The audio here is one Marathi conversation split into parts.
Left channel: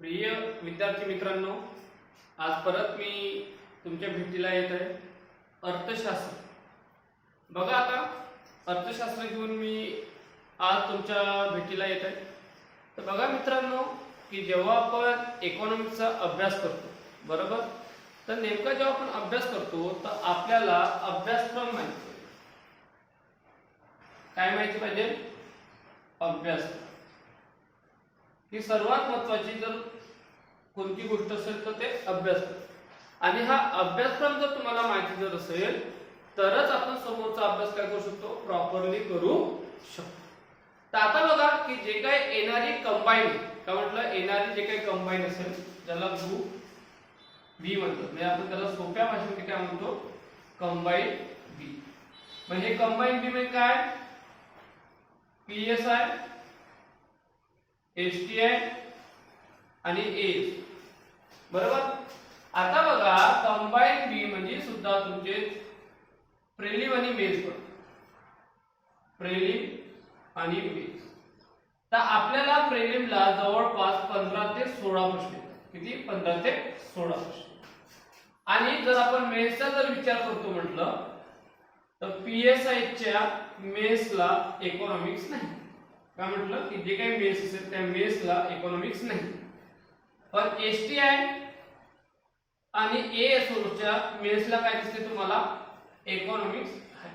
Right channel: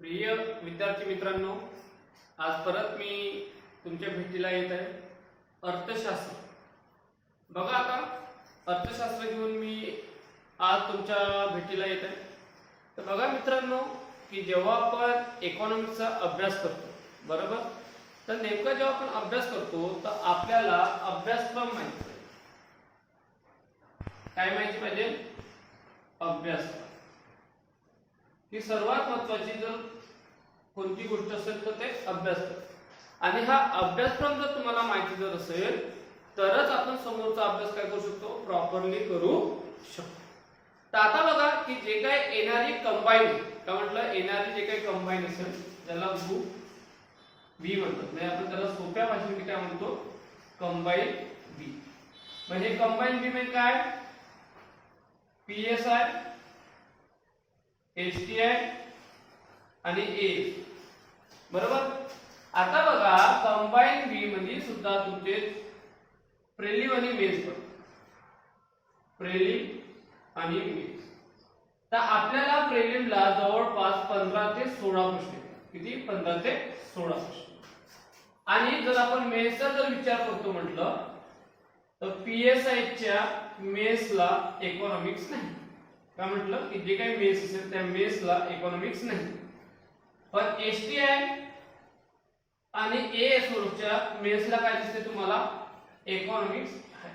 प्रिय विद्यार्थी मित्रांनो, आज परत मी तुमच्या भेटीला येत आहे. अर्थशास्त्र बघा, आता अर्थशास्त्र घेऊन मी आज तुमच्या भेटीला येत आहे. तर बघा मित्रांनो, की जेव्हा आपण इकॉनॉमिक्सचा अभ्यास करतो बरोबर, तर नेमका जेव्हा आपण अभ्यास करतो तर आपल्याला अभ्यासक्रम माहिती पाहिजे. काय माहिती पाहिजे? अभ्यासक्रम ही सर्वात महत्त्वाची जर कोणती गोष्ट असेल तर ते अभ्यासक्रम. आणि हा अभ्यासक्रम जर तुम्हाला माहिती जर असेल तरच आपण समोरचा अभ्यास काय करू शकतो, प्रॉपरली करू शकतो. तर आता बघा की जे काही येणारी कंबाईन, काय म्हटलं, येणारी जे काही कंबाईन असेल त्याला ग्रुप बी म्हणतात. म्हणजे आपण त्याला सोप्या भाषेमध्ये काय म्हणतो, कंबाईन बी. म्हणजे कंबाईन बी म्हणजे काय, पीएसआय, एसटीआय आणि एएस बरोबर. आता बघा कंबाईन बी म्हणजे सुद्धा तुमचे प्रेलिम आणि मेन्स पडतात, प्रेलिम आणि मेन्स. तर आपल्याला प्रेलिमला जवळपास 15 ते 16 प्रश्न येतात. किती? 15 ते 16 प्रश्न. आणि जर आपण मेन्सचा जर विचार करतो म्हटलं तर पीएसआयच्या मेन्सला इकॉनॉमिक्स नाही. काय म्हटलं की जे काही मेन्स असेल त्या मेन्सला इकॉनॉमिक्स नाही. पण एसटीआय आणि एएसओच्या मेन्सला काय दिसते तुम्हाला, इकॉनॉमिक्स आहे.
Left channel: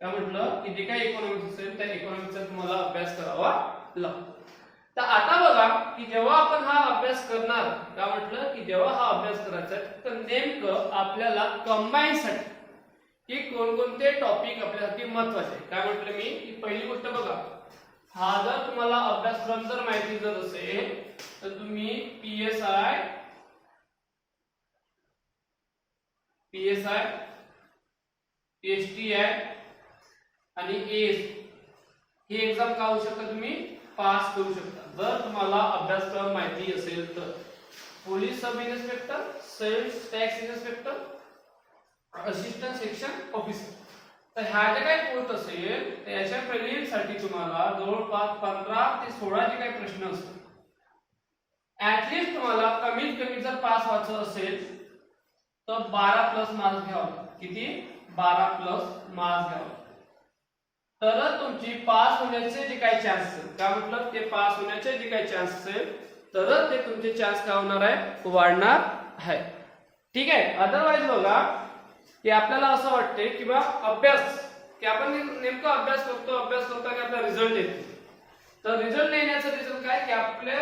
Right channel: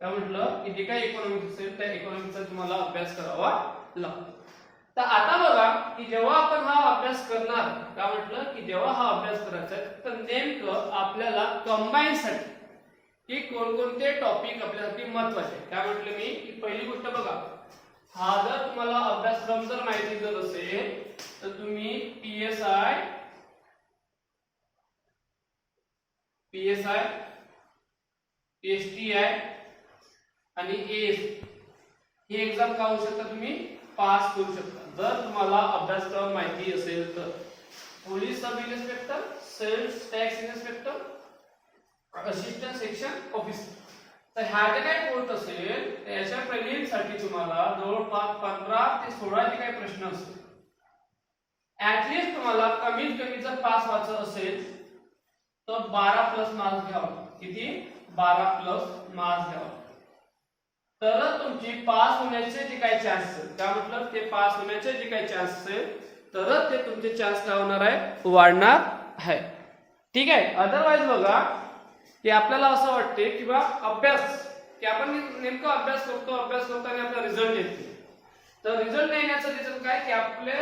काय म्हटलं की जे काही इकॉनॉमिक्स असेल त्या इकॉनॉमिक्सचा तुम्हाला अभ्यास करावा लागतो. तर आता बघा की जेव्हा आपण हा अभ्यास करणार, काय म्हटलं की जेव्हा हा अभ्यास करायचा आहे तर नेमकं आपल्याला कंबाईन साठी की कोणकोणते टॉपिक आपल्यासाठी महत्त्वाचे आहे. काय म्हटलं मी की पहिली गोष्ट बघा, हा जर तुम्हाला अभ्यासक्रम जर माहिती जर असेल तर तुम्ही पीएसआय, एसटीआय आणि एएस ही एक्झाम का होऊ शकता, तुम्ही पास करू शकता जर तुम्हाला अभ्यासक्रम माहिती असेल तर. Police sub inspector, sales tax inspector, assistant section officer. तर ह्या जे काही पोस्ट असेल त्याच्या प्रिलिमसाठी तुम्हाला जवळपास 15 ते 16 जे काही प्रश्न असतील, ऍटलीस्ट तुम्हाला कमीत कमी जर पास व्हायचं असेल तर 12+ मार्क्स घ्यावे. किती? 12+ मार्क्स घ्यावे. तरच तुमची पास होण्याचे जे काही चान्स असेल, काय म्हटलं, ते पास होण्याचे जे काही चान्स असेल तरच ते तुमचे चान्स काय होणार आहे, वाढणार आहे. ठीक आहे. अदरवाइज बघा की आपल्याला असं वाटते की बा अभ्यास की आपण नेमका अभ्यास करतो आणि आपला रिझल्ट येतो. तर रिझल्ट येण्याचं रिझन काय की आपले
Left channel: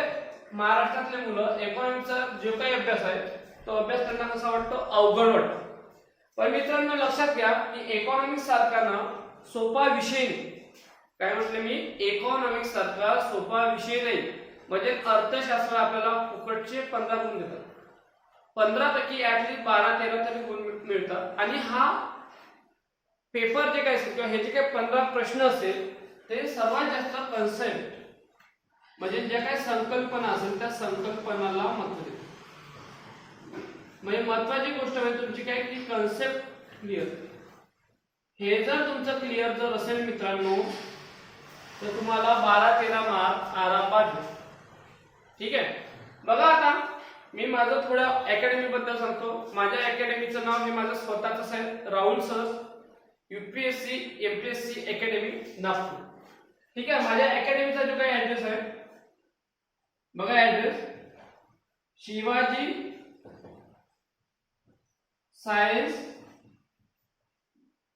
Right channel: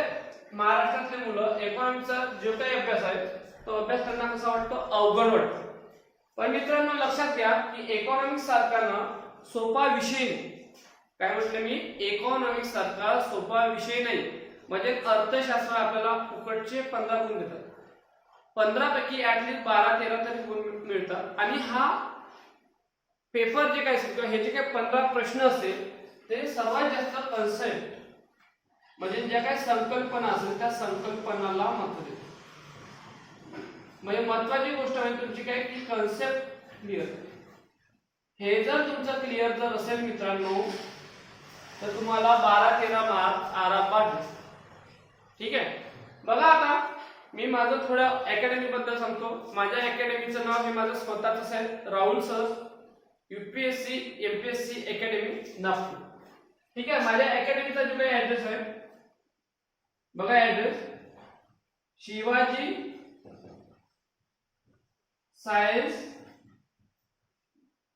महाराष्ट्रातले मुलं इकॉनॉमिक्सचा जो काही अभ्यास आहे तो अभ्यास त्यांना कसा वाटतो, अवघड वाटतो. पण मित्रांनो लक्षात घ्या की इकॉनॉमिक्स सारखा ना सोपा विषय नाही. काय म्हटलं मी, इकॉनॉमिक्स सारखा सोपा विषय नाही. म्हणजे अर्थशास्त्र आपल्याला फुकटचे 15 गुण देतात, 15 पैकी ऍटलीस्ट 12-13 तरी गुण मिळतात. आणि हा पेपर जे काही असेल किंवा हे जे काही 15 प्रश्न असेल ते सर्वात जास्त कन्सेप्ट म्हणजे ज्या काही संकल्पना असेल त्या संकल्पनाला महत्त्व देतात. म्हणजे महत्त्वाची गोष्ट म्हणजे तुमची काय की कन्सेप्ट क्लिअर. हे जर तुमचं क्लिअर जर असेल मित्रांनो तर तुम्हाला 12-13 मार्क आरामात भेटतील. ठीक आहे. बघा आता मी माझं थोड्या अकॅडमी बद्दल सांगतो. माझ्या अकॅडमीचं नाव हे माझं स्वतःच आहे, Rahul sir UPSC MPSC academy Nagpur. ठीक आहे. माझ्या अकॅडमीचा जो काही ऍड्रेस आहे बघा, ऍड्रेस शिवाजी सायन्स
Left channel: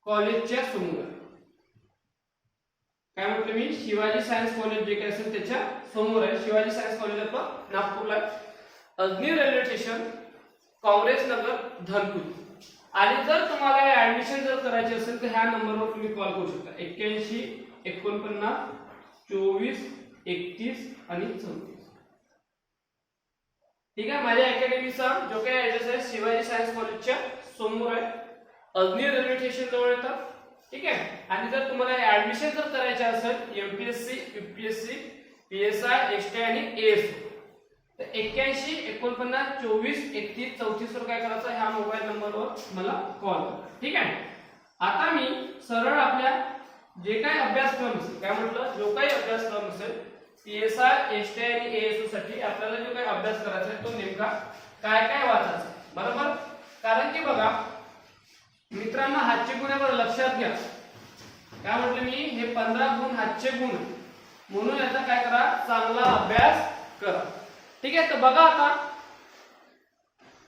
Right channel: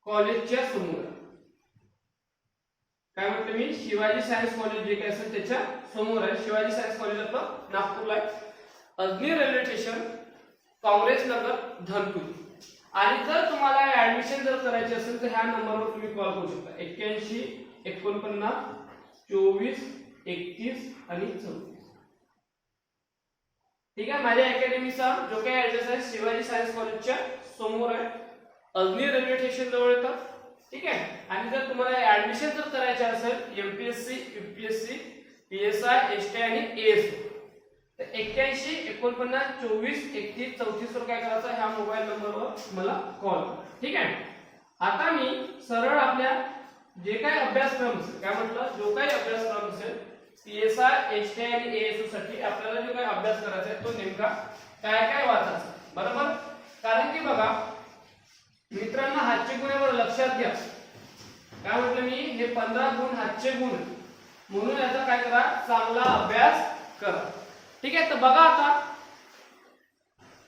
कॉलेजच्या समोर. काय म्हटलं मी, शिवाजी सायन्स कॉलेज जे काही असेल त्याच्या समोर आहे. शिवाजी सायन्स कॉलेज आपलं नागपूरला आहे. Ajni railway station, Congress Nagar, Dhanpur. आणि जर तुम्हाला ऍडमिशन जर करायची असेल तर ह्या नंबरवर तुम्ही कॉल करू शकता, 81 49 24 31 आणि 34. ठीक आहे. माझ्या अकॅडमीचा जो काही ऍड्रेस आहे शिवाजी सायन्स कॉलेजच्या समोर आहे, अजनी रेल्वे स्टेशन जवळ येतं. ठीक आहे. आणि जर तुम्हाला ऍडमिशन जर करायचे असेल एमपीएससी, यूपीएससी, पीएसआय, एसटीआय आणि एएसओ तर 81 49 24 31 34 वर काय करायचं, ह्या मोबाईल नंबरवर मला कॉल करा. ठीक आहे. आता मी सरळ आपल्या जे काही अभ्यासक्रम असेल, काय म्हटलं, जो काही अभ्यासक्रम असेल CSR, STI आणि ASU साठी आपल्याला जो काही अभ्यास करायचा आहे तो नेमका काय काय वाचायचा, बरोबर? कारण की बघा मित्रांनो, हातचे गुण बरं लक्षात घ्या. काय म्हटलं मी, हे 15 गुण हातचे गुण, म्हणून याचा काय करा, चांगला अभ्यास करा. ठीक आहे. तर बघा आता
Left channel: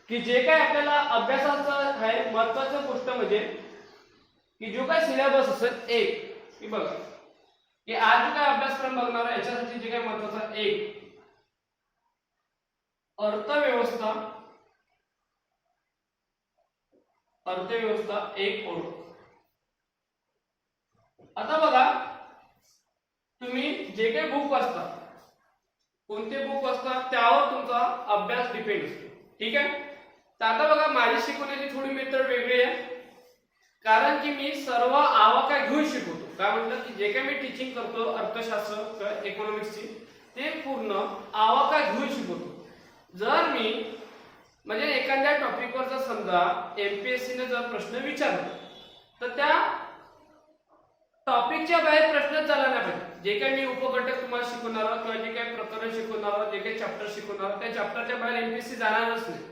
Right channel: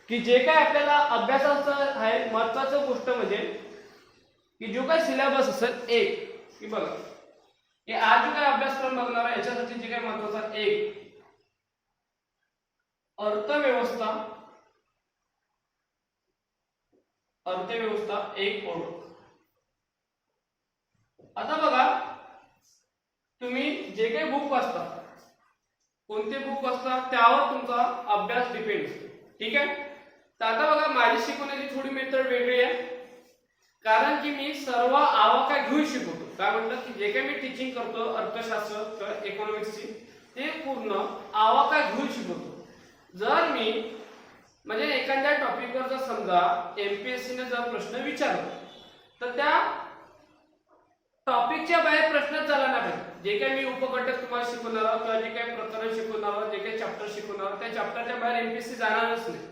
की जे काय आपल्याला अभ्यासाचं आहे, महत्त्वाचं गोष्ट म्हणजे की जो काय सिलेबस असेल एक, की बघा हे आज जो काय अभ्यासक्रम बघणार आहे याच्यासाठी जे काय महत्त्वाचं, एक अर्थव्यवस्था, अर्थव्यवस्था एक ओळख. आता बघा तुम्ही जे काही बुक वाचता, कोणते बुक वाचता त्यावर तुमचा अभ्यास डिपेंड असतो. ठीक आहे. तर आता बघा माझी शिकवण्याची थोडी मेथड वेगळी आहे, कारण की मी सर्व आवाका घेऊन शिकवतो. काय म्हटलं की जे काही मी टीचिंग करतो अर्थशास्त्र किंवा इकॉनॉमिक्सची, ते पूर्ण आवाका घेऊन शिकवतो. जर मी म्हणजे एखाद्या टॉपिकवर जर समजा MPSC ने जर प्रश्न विचारला तर त्या टॉपिकच्या बाहेर प्रश्नच झाला नाही पाहिजे. जे काही मी उपघटक तुम्हाला शिकवणार आहोत किंवा जे काही प्रकरण शिकवणार आहोत, जे काही चॅप्टर शिकवणार आहोत, त्या चॅप्टरच्या बाहेर MPSC जाणारच नाही.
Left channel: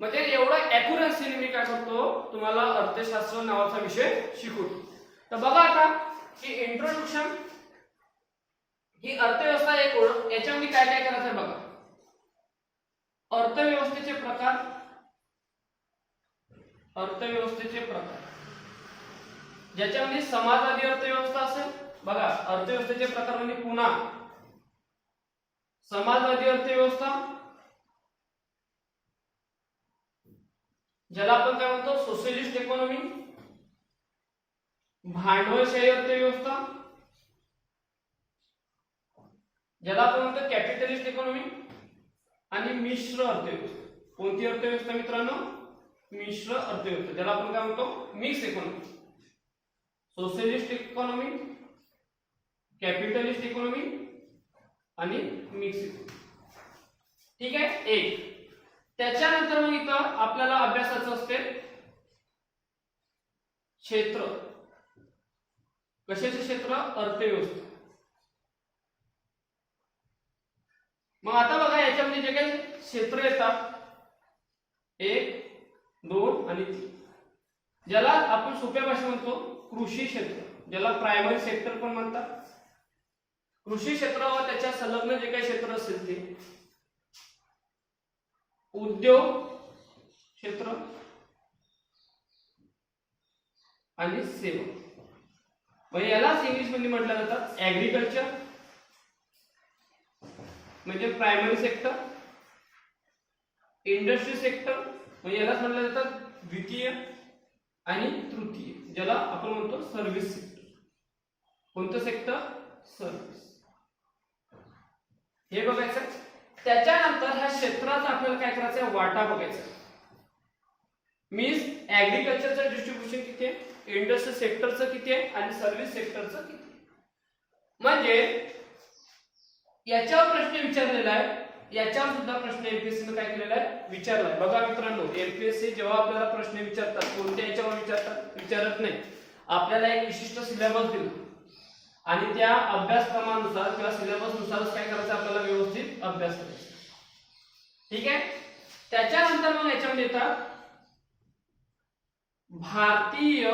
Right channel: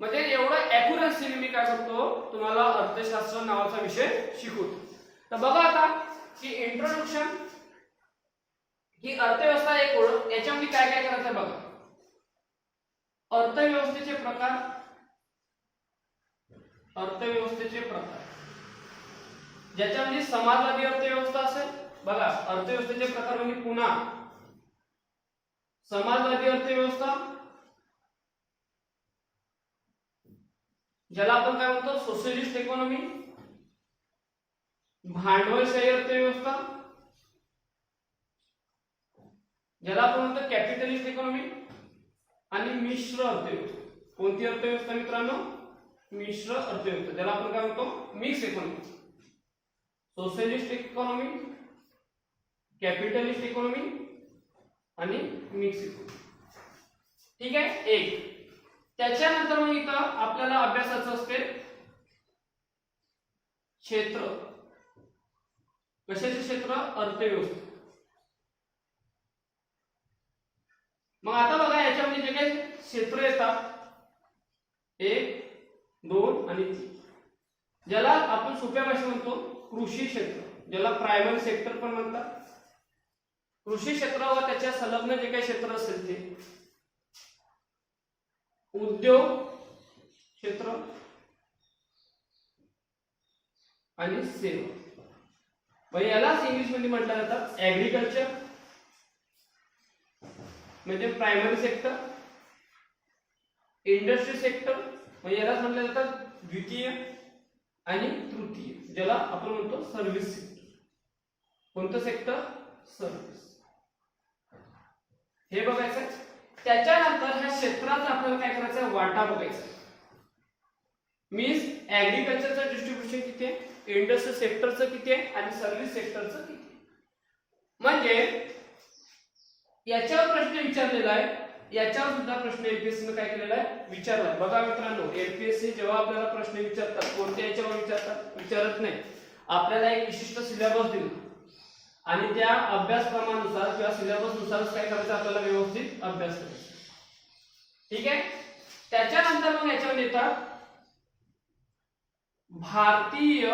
म्हणजे एवढं ॲक्युरन्सीने मी काय करतो, तुम्हाला अर्थशास्त्र नावाचा विषय शिकवतो. तर बघा आता की इंट्रोडक्शन, ही अर्थव्यवस्था एक ओळख, याच्यामध्ये काय काय करायचं आहे बघा. अर्थव्यवस्थेचे प्रकार, अर्थव्यवस्थेचे प्रकार, ज्याच्यामध्ये समाजवादी अर्थव्यवस्था असेल. बघा अर्थव्यवस्थेचे प्रकार म्हणजे पुन्हा समाजवादी अर्थव्यवस्था, ज्याला आपण काय म्हणतो सोशलिस्ट इकॉनॉमी, भांडवलशाही अर्थव्यवस्था, ज्याला आपण म्हणतो कॅपिटलिस्ट इकॉनॉमी, आणि मिश्र अर्थव्यवस्था. कोणती अर्थव्यवस्था मित्रांनो, मिश्र अर्थव्यवस्था, ज्याला आपण काय म्हणतो mix economy. Socialist economy, capitalist economy आणि मिक्स इकॉनॉमी. ठीक आहे. एक त्याच्यानंतर मग इथं आपल्याला अभ्यासाचं असते क्षेत्र. कशाचे क्षेत्र, अर्थव्यवस्था. मग आता बघा याच्यामध्ये जे काही क्षेत्र येतात 1, 2 आणि 3, ज्याला आपण सोप्या भाषेत म्हणतो कृषी क्षेत्र, ज्याला प्रायमरी सेक्टर पण म्हणतात. कृषी क्षेत्र व त्याच्या संलग्न जे काही क्षेत्र असेल ते उद्योग क्षेत्र आणि सेवा. म्हणजे यालाच इंग्लिश मध्ये म्हटलं जातं ऍग्रीकल्चर, म्हणजे प्रायमरी सेक्टर. इंडस्ट्री सेक्टर म्हणजे यालाच म्हटलं जातं द्वितीय आणि तृतीय, ज्याला आपण म्हणतो सर्व्हिस सेक्टर. कोणतं सेक्टर, सर्व्हिस. हे बघायचं. त्याच्यानंतर ह्या क्षेत्राचा आपल्याला काय करायचं, वाटा बघायचा. मीन्स ऍग्रीकल्चरचं डिस्ट्रीब्युशन किती आहे, इंडस्ट्री सेक्टरचं किती आहे आणि सर्व्हिस सेक्टरचं किती आहे. म्हणजे याच्यावर प्रश्न विचारलेला आहे, याच्यावर सुद्धा प्रश्न MPSC ने काय केलेला आहे, विचारलाय. बघा मित्रांनो, MPSC जेव्हा आपल्याला प्रश्न विचारतात कोणत्या याच्यावर विचारतात, विचारत नाही. आपल्याला एक विशिष्ट सिलेबस दिला आणि त्या अभ्यासक्रमानुसार किंवा सिलेबस नुसारच काय करायचं, आपल्याला व्यवस्थित अभ्यास करायचा. ठीक आहे. त्याच्यानंतर मग याच्यामध्ये येतात भारतीय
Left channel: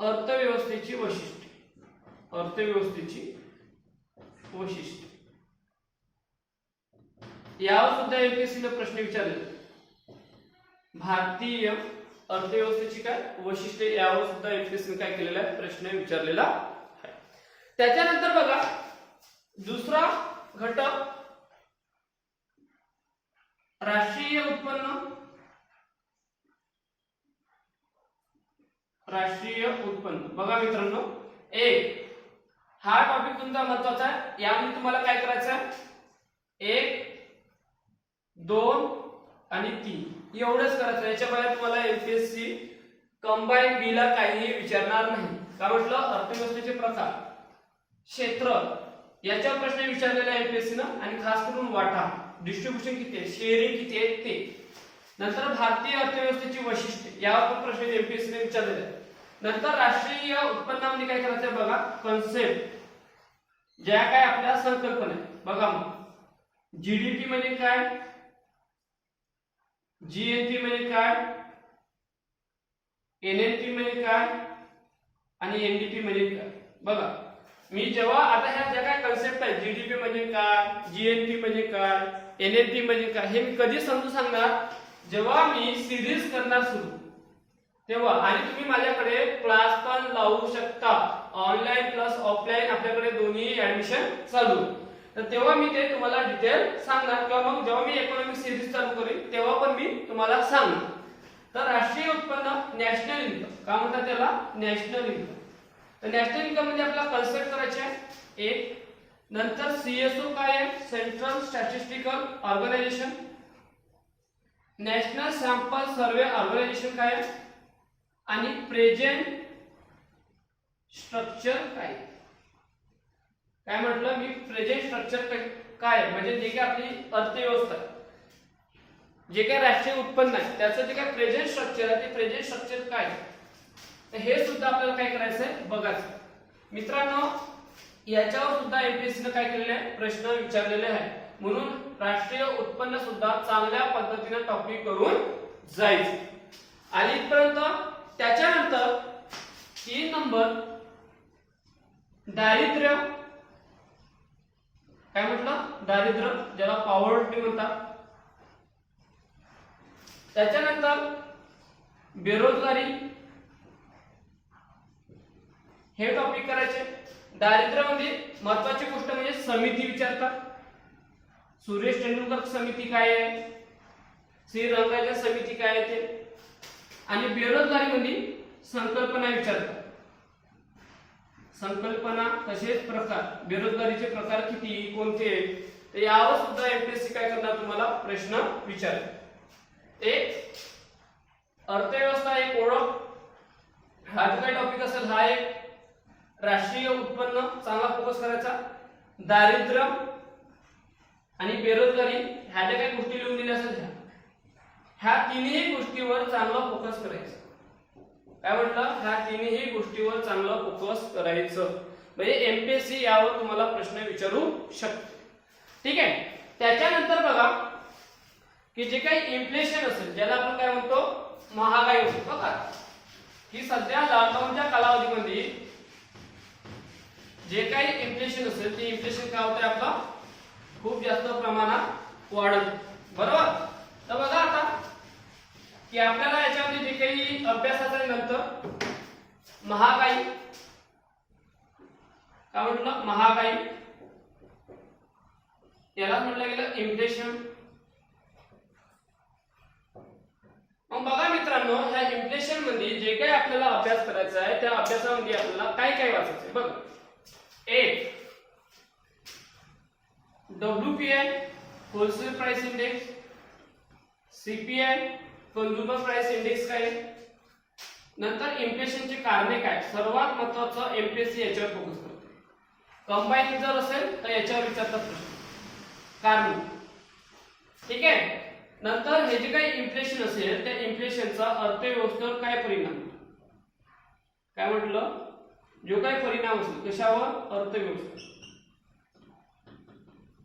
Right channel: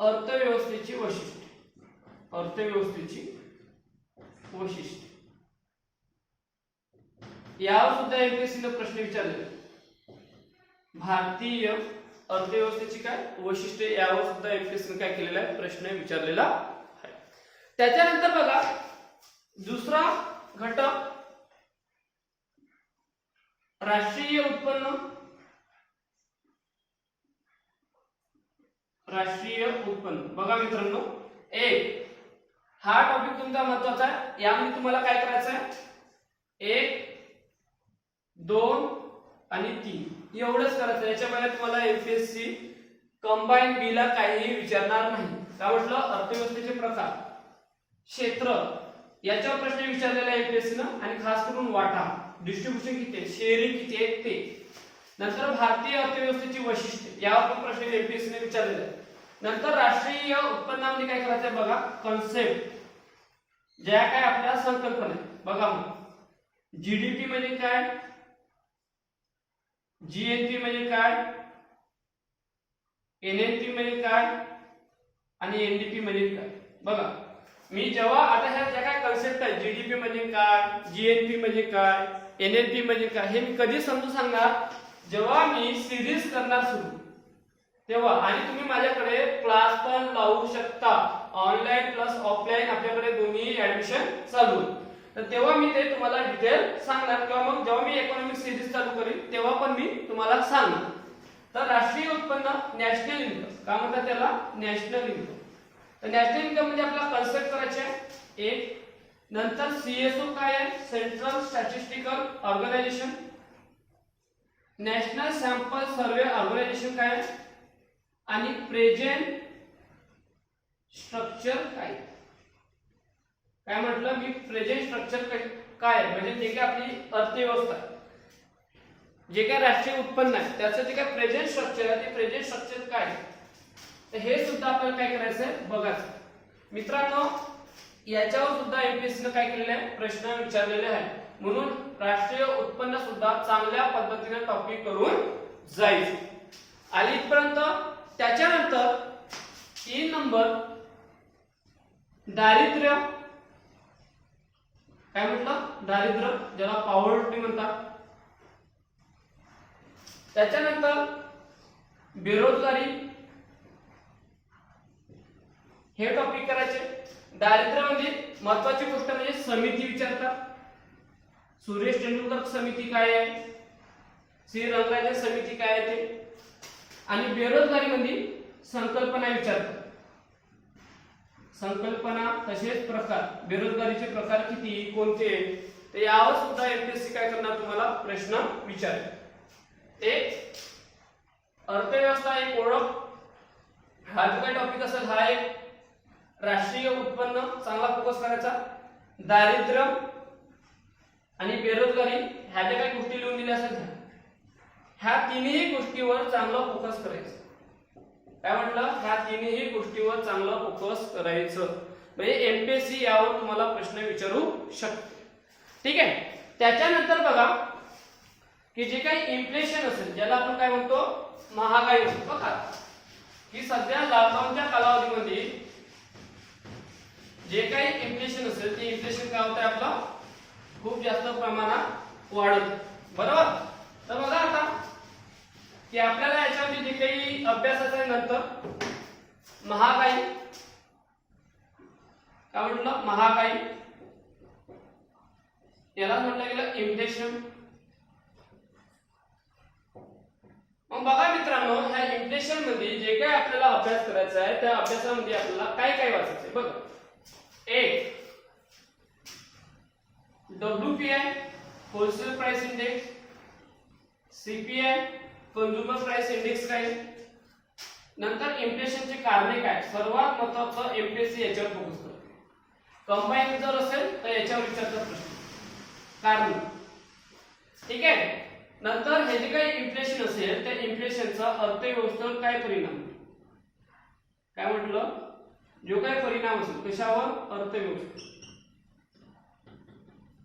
अर्थव्यवस्थेची वैशिष्ट्ये. अर्थव्यवस्थेची वैशिष्ट्ये यावर सुद्धा MPSC ने प्रश्न विचारले. भारतीय अर्थव्यवस्थेची काय वैशिष्ट्ये यावर सुद्धा MPSC ने काय केलेला आहे, प्रश्न विचारलेला आहे. त्याच्यानंतर बघा दुसरा घटक राष्ट्रीय उत्पन्न. राष्ट्रीय उत्पन्न बघा मित्रांनो, एक हा टॉपिक तुमचा महत्वाचा आहे. यामध्ये तुम्हाला काय करायचं आहे, 1, 2 आणि 3 एवढंच करायचं. याच्या बाहेर तुम्हाला MPSC कंबाईन बीला काहीही विचारणार नाही. काय म्हटलं, अर्थव्यवस्थेचे प्रकार, क्षेत्र याच्यावर प्रश्न विचारलेला आहे MPSC न, आणि खास करून वाटा, डिस्ट्रीब्युशन किती आहे, शेअरिंग किती आहे ते. नंतर भारतीय अर्थव्यवस्थेची वैशिष्ट्ये यावर पण प्रश्न MPSC ने विचारलेले आहे. नंतर राष्ट्रीय उत्पन्नामध्ये काय करायचं आहे बघा, कन्सेप्ट ज्या काय आपल्या संकल्पना आहे बघा. मग जीडीपी म्हणजे काय, जीएनपी म्हणजे काय, एनएनपी म्हणजे काय आणि एनडीपी म्हणजे काय. बघा मी जेव्हा आता ह्या ज्या काय कन्सेप्ट आहे, जीडीपी म्हणजे काय, जीएनपी म्हणजे काय, एनएनपी म्हणजे काय, हे मी कधी समजून सांगणार, जेव्हा मी सिरीज करणार सुरू तेव्हा. आणि तुम्ही माझ्याकडे क्लास पण लावू शकता, ऑनलाईन प्लस ऑफलाईन आपल्याकडे दोन्ही ऍडमिशन चालू आहे. तर तेव्हा मी ते तुम्हाला डिटेल सांगणार, किंवा मग जेव्हा मी इकॉनॉमिक सिरीज चालू करीन तेव्हा पण मी तुम्हाला सांगणार. तर राष्ट्रीय उत्पन्न, नॅशनल इन्कम काय म्हणतात त्याला, नॅशनल इन्कम. तर नॅशनल इन्कम म्हणजे आपल्याला कन्सेप्ट करायचे आहे एक. नंतर सीएसओ काय आहे, central statistical organisation. National sample survey organisation काय आहे, आणि प्रेझेंट स्ट्रक्चर काय. काय म्हटलं मी, प्रेझेंट स्ट्रक्चर काय म्हणजे जे काय आपली अर्थव्यवस्था आहे, जे काय राष्ट्रीय उत्पन्न आहे त्याचं जे काय प्रेझेंट स्ट्रक्चर आहे ते प्रेझेंट स्ट्रक्चर काय आहे. तर हे सुद्धा आपल्याला काय करायचं आहे बघायचं. मित्रांनो याच्यावर सुद्धा एमपीएससी ने काय केलेले आहे, प्रश्न विचारलेले आहे. म्हणून राष्ट्रीय उत्पन्न सुद्धा चांगल्या पद्धतीने टॉपिक करून जायचं. आणि इथपर्यंत. त्याच्यानंतर 3 नंबर दारिद्र्य. काय म्हटलं, दारिद्र्य ज्याला पॉवर्टी म्हणतात. त्याच्यानंतर बेरोजगारी हे टॉपिक करायचे. दारिद्र्य म्हणजे महत्वाची गोष्ट म्हणजे समिती विचारतात. सुरेश तेंडुलकर समिती काय आहे, श्री रंगराजन समिती काय आहे ते. आणि बेरोजगारी म्हणजे संकल्पना विचारतात. संकल्पना तसेच प्रकार, बेरोजगारीचे प्रकार किती, कोणते. तर यावर सुद्धा एमपीएससी काय करणार तुम्हाला प्रश्न विचारेल. एक अर्थव्यवस्था, एक ओळख, हा जो काही टॉपिक असेल हा एक. राष्ट्रीय उत्पन्न चांगला फोकस करायचा. दारिद्र्य आणि बेरोजगारी ह्या ज्या काही गोष्टी लिहून दिल्या असेल ह्या तिन्ही गोष्टीवर चांगला फोकस करायचा. काय म्हटलं, ह्या तिन्ही गोष्टीवर चांगला फोकस करायचं. म्हणजे एमपीएससी यावर तुम्हाला प्रश्न विचारू शकते. ठीक आहे. त्याच्यानंतर बघा की जे काही इन्फ्लेशन असेल, ज्याला आपण काय म्हणतो, महागाई म्हणतो. बघा की सध्या लॉकडाऊनच्या कालावधीमध्ये जे काही इन्फ्लेशन असेल ते इन्फ्लेशन काय होत आहे, आपलं खूप जास्त प्रमाणात वाढत. बरोबर. तर बघा आता की आपल्याला याच्यामध्ये जे काही अभ्यासाच्या नंतर महागाई काय म्हटलं, महागाई याला म्हटलं गेलं इन्फ्लेशन. मग बघा मित्रांनो, ह्या इन्फ्लेशन मध्ये जे काही आपल्याला अभ्यास करायचा आहे त्या अभ्यासामध्ये आपल्याला काय काय वाचायचं आहे बघा. एक WPI wholesale price index, CPI consumer price index काय. नंतर इन्फ्लेशनची कारणे काय, सर्वात महत्त्वाचं एमपीएससी याच्यावर फोकस करते. कंबाईन जर असेल तर याच्यावर विचारतात प्रश्न, कारण. ठीक आहे. नंतर हे जे काही इन्फ्लेशन असेल त्या इन्फ्लेशनचा अर्थव्यवस्थेवर काय परिणाम, काय म्हटलं, जो काय परिणाम असेल कशावर, अर्थव्यवस्था.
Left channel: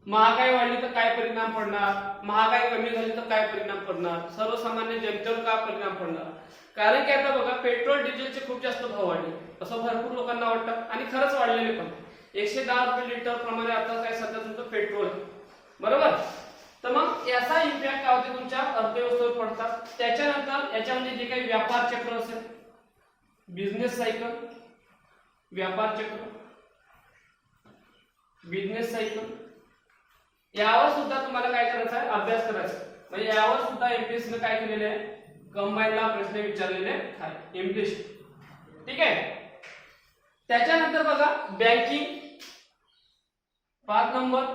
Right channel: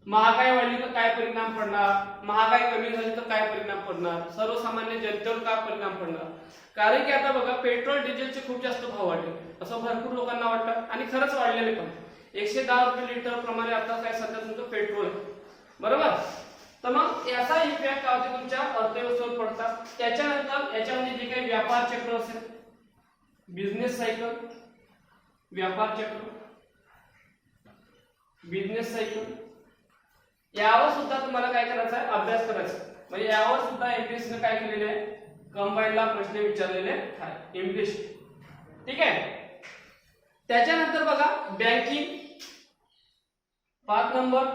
महागाई वाढली तर काय परिणाम पडणार, महागाई कमी झाली तर काय परिणाम पडणार, सर्वसामान्य जनतेवर काय परिणाम पडणार. कारण की आता बघा पेट्रोल डिझेलचे खूप जास्त भाव वाढले असं भरपूर लोकांना वाटतं आणि खरंच वाढलेले पण. 110 रुपये लिटर प्रमाणे आता काय सध्या तुमचं पेट्रोल आहे. बरोबर. तर मग याचा इम्पॅक्ट काय होते तुमच्या अर्थव्यवस्थेवर पडतात. त्याच्यानंतर याच्यामध्ये जे काही व्यापार चक्र असेल, बिझनेस सायकल, व्यापार चक्र, बिझनेस सायकल, यावर सुद्धा तुम्हाला काय करायचं आहे, अभ्यास करायचा. म्हणजे यावर सुद्धा एमपीएससी ने काय केलेले आहे, कंबाईनला प्रश्न विचारलेले आहे इन्फ्लेशन. ठीक आहे. त्याच्यानंतर बघा बँकिंग 5 नंबर.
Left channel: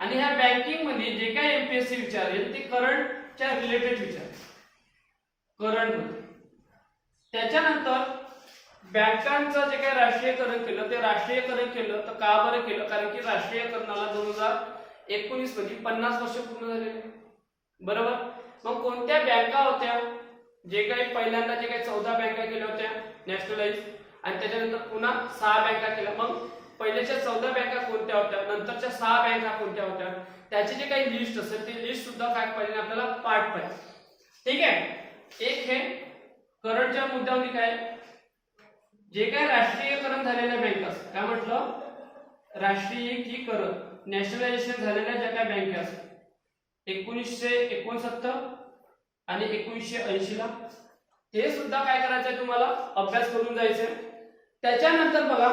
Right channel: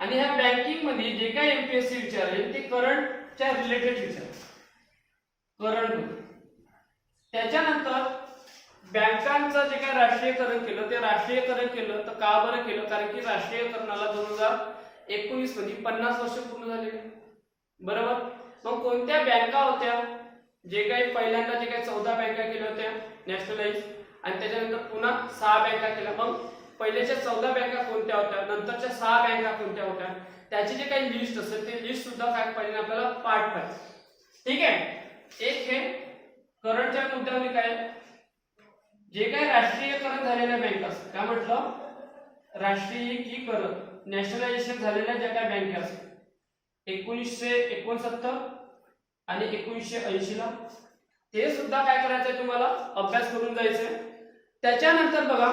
आणि ह्या बँकिंग मध्ये जे काही एमपीएससी विचारेल ते करंटच्या रिलेटेड विचारेल, करंट. त्याच्यानंतर बँकांचं जे काही राष्ट्रीयकरण केलं ते राष्ट्रीयकरण केलं तर का बरं केलं, कारण की राष्ट्रीयकरणाला 2019 मध्ये 50 वर्ष पूर्ण झालेले. बरोबर. मग कोणत्या बँका होत्या, जे काही पहिल्यांदा जे काही 14 बँका केल्या होत्या नॅशनलाइज, आणि त्याच्यानंतर पुन्हा 6 बँका केल्या. मग पहिल्याच्या 14 बँका कोणत्या होत्या, नंतरच्या 6 बँका कोणत्या होत्या, त्याची जे काही लिस्ट असेल ते लिस्ट सुद्धा काय पाहिजे आपल्याला, पाठ पाहिजे. ठीक आहे. एक हे करंटच्या मुद्द्यामध्ये काय, जे काय राष्ट्रीयकरण झालेल्या बँका असतात, काय म्हटलं, राष्ट्रीयीकरण नॅशनलायझेशन झालेल्या ज्या काही बँका असतात 1969 आणि 1980 ला, हे सुद्धा काय करायचंय तुम्हाला, अभ्यास करून जायचंय. त्याच्यानंतर बघा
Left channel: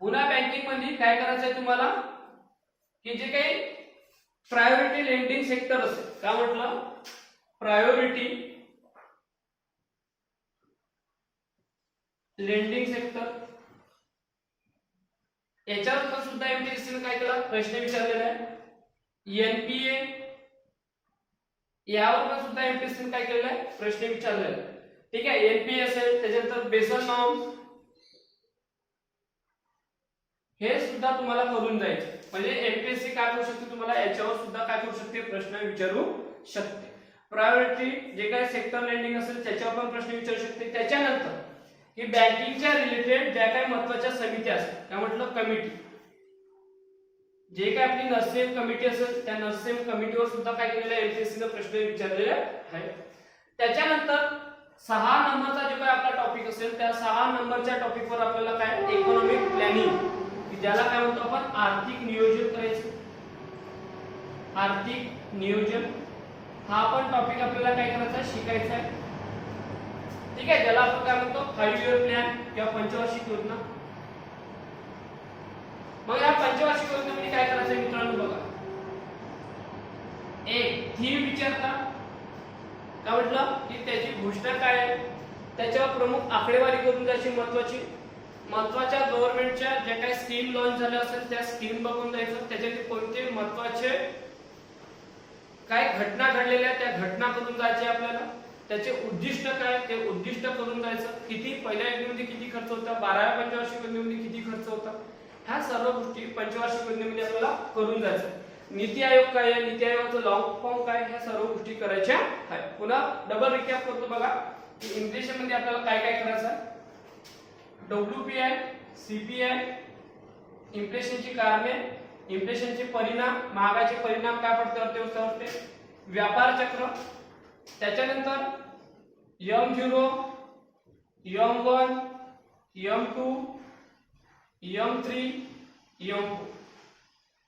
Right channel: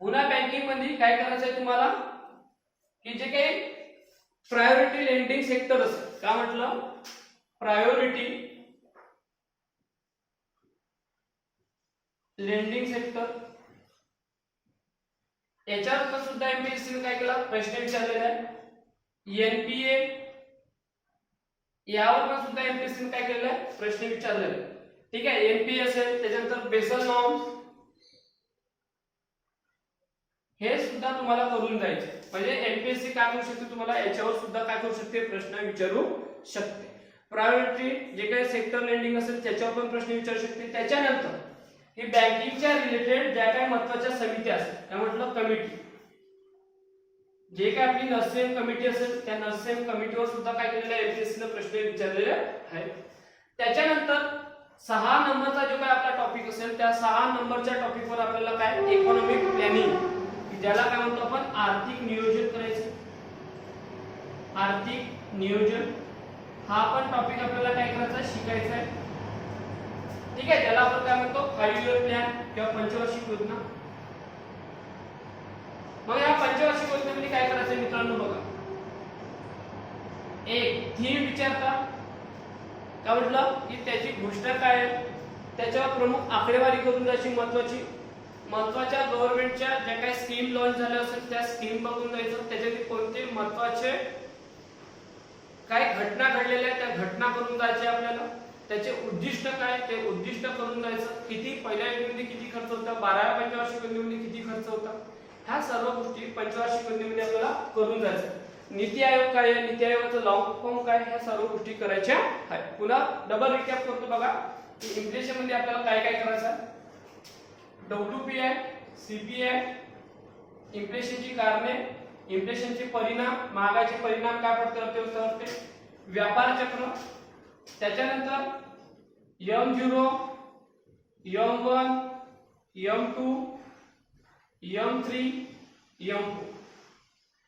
पुन्हा बँकिंग मध्ये काय करायचंय तुम्हाला, की जे काही प्रायोरिटी लेंडिंग सेक्टर असतं, काय म्हटलं, प्रायोरिटी लेंडिंग सेक्टर, याच्यावर सुद्धा एमपीएससी ने काय केला, प्रश्न विचारलेला आहे. एनपीए यावर पण सुद्धा एमपीएससी ने काय केलेला आहे, प्रश्न विचारलेला आहे. ठीक आहे. एनपीए असेल, त्याच्यानंतर बेसल नॉर्म्स, हे सुद्धा तुम्हाला करून जायचं. म्हणजे एमपीएससी काय करू शकते, तुम्हाला याच्यावर सुद्धा काय करू शकते, प्रश्न विचारू शकते. प्रायोरिटी जे काही सेक्टर लेंडिंग असेल त्याच्यावर पण प्रश्न विचारू शकते. त्याच्यानंतर ही बँकिंगच्या रिलेटेड ज्या काही महत्त्वाच्या समित्या असतात, काय म्हटलं, कमिटी, जे काय आपली नर्सेम कमिटी असेल त्या नर्सेम कमिटीवर सुद्धा काय केलेलं आहे, एमपीएससी ने प्रश्न विचारलेले आहे. त्याच्यानंतर 6 नंबरचा जो काय आपला टॉपिक असेल त्या 6 नंबरच्या टॉपिकवर आपल्याला काय, इकॉनॉमिक प्लॅनिंग, ज्याला काय म्हणतो आपण आर्थिक नियोजन करायचं. आर्थिक नियोजन हा पण टॉपिक आपल्याला काय करायचा, शिकायचा आहे. ठीक आहे. ज्याला आपण काय म्हणतो 5 इयर प्लॅन किंवा पंचवार्षिक योजना. मग या पंचवार्षिक योजनेमध्ये काय करायचं मित्रांनो, बघा एक थीम विचारता, काय म्हटलं, की त्याची घोषणा काय आहे, त्याच्यावर प्रमुख आकडेवारी करून जायची, महत्वाच्या गव्हर्नमेंटच्या ज्या काही स्कीम लॉन्च झाल्या असेल त्या स्कीम बघून जायचं. त्याच्यातील कोणते महत्वाचे काय घटना घडलेल्या त्या घटना करून जायचे आपल्याला. त्याचे उद्दिष्ट काय ते उद्दिष्ट करून जायचं. किती पहिल्या योजनेमध्ये किती खर्च होता, 12व्या पंचवार्षिक योजनेमध्ये किती खर्च होता, ह्या सर्व गोष्टी पंचवार्षिक योजनेमध्ये आपल्याला करून जायचं. नीती आयोग काय आहे, नीती आयोगाचं लॉंग फॉर्म काय, ह्या सर्व गोष्टी करायच्या आहेत. पुन्हा डबल रिकॅप करतो बघा, की इन्फ्लेशन मध्ये आपल्याला काय काय करायचं आहे, डब्ल्यूपीआय, सीपीआय, इन्फ्लेशनची कारणे, इन्फ्लेशनचे परिणाम, महागाईचे परिणाम काय पडते अर्थव्यवस्थेवरती, व्यापार चक्र, त्याच्यानंतर M0, M1, M2, M3, M4.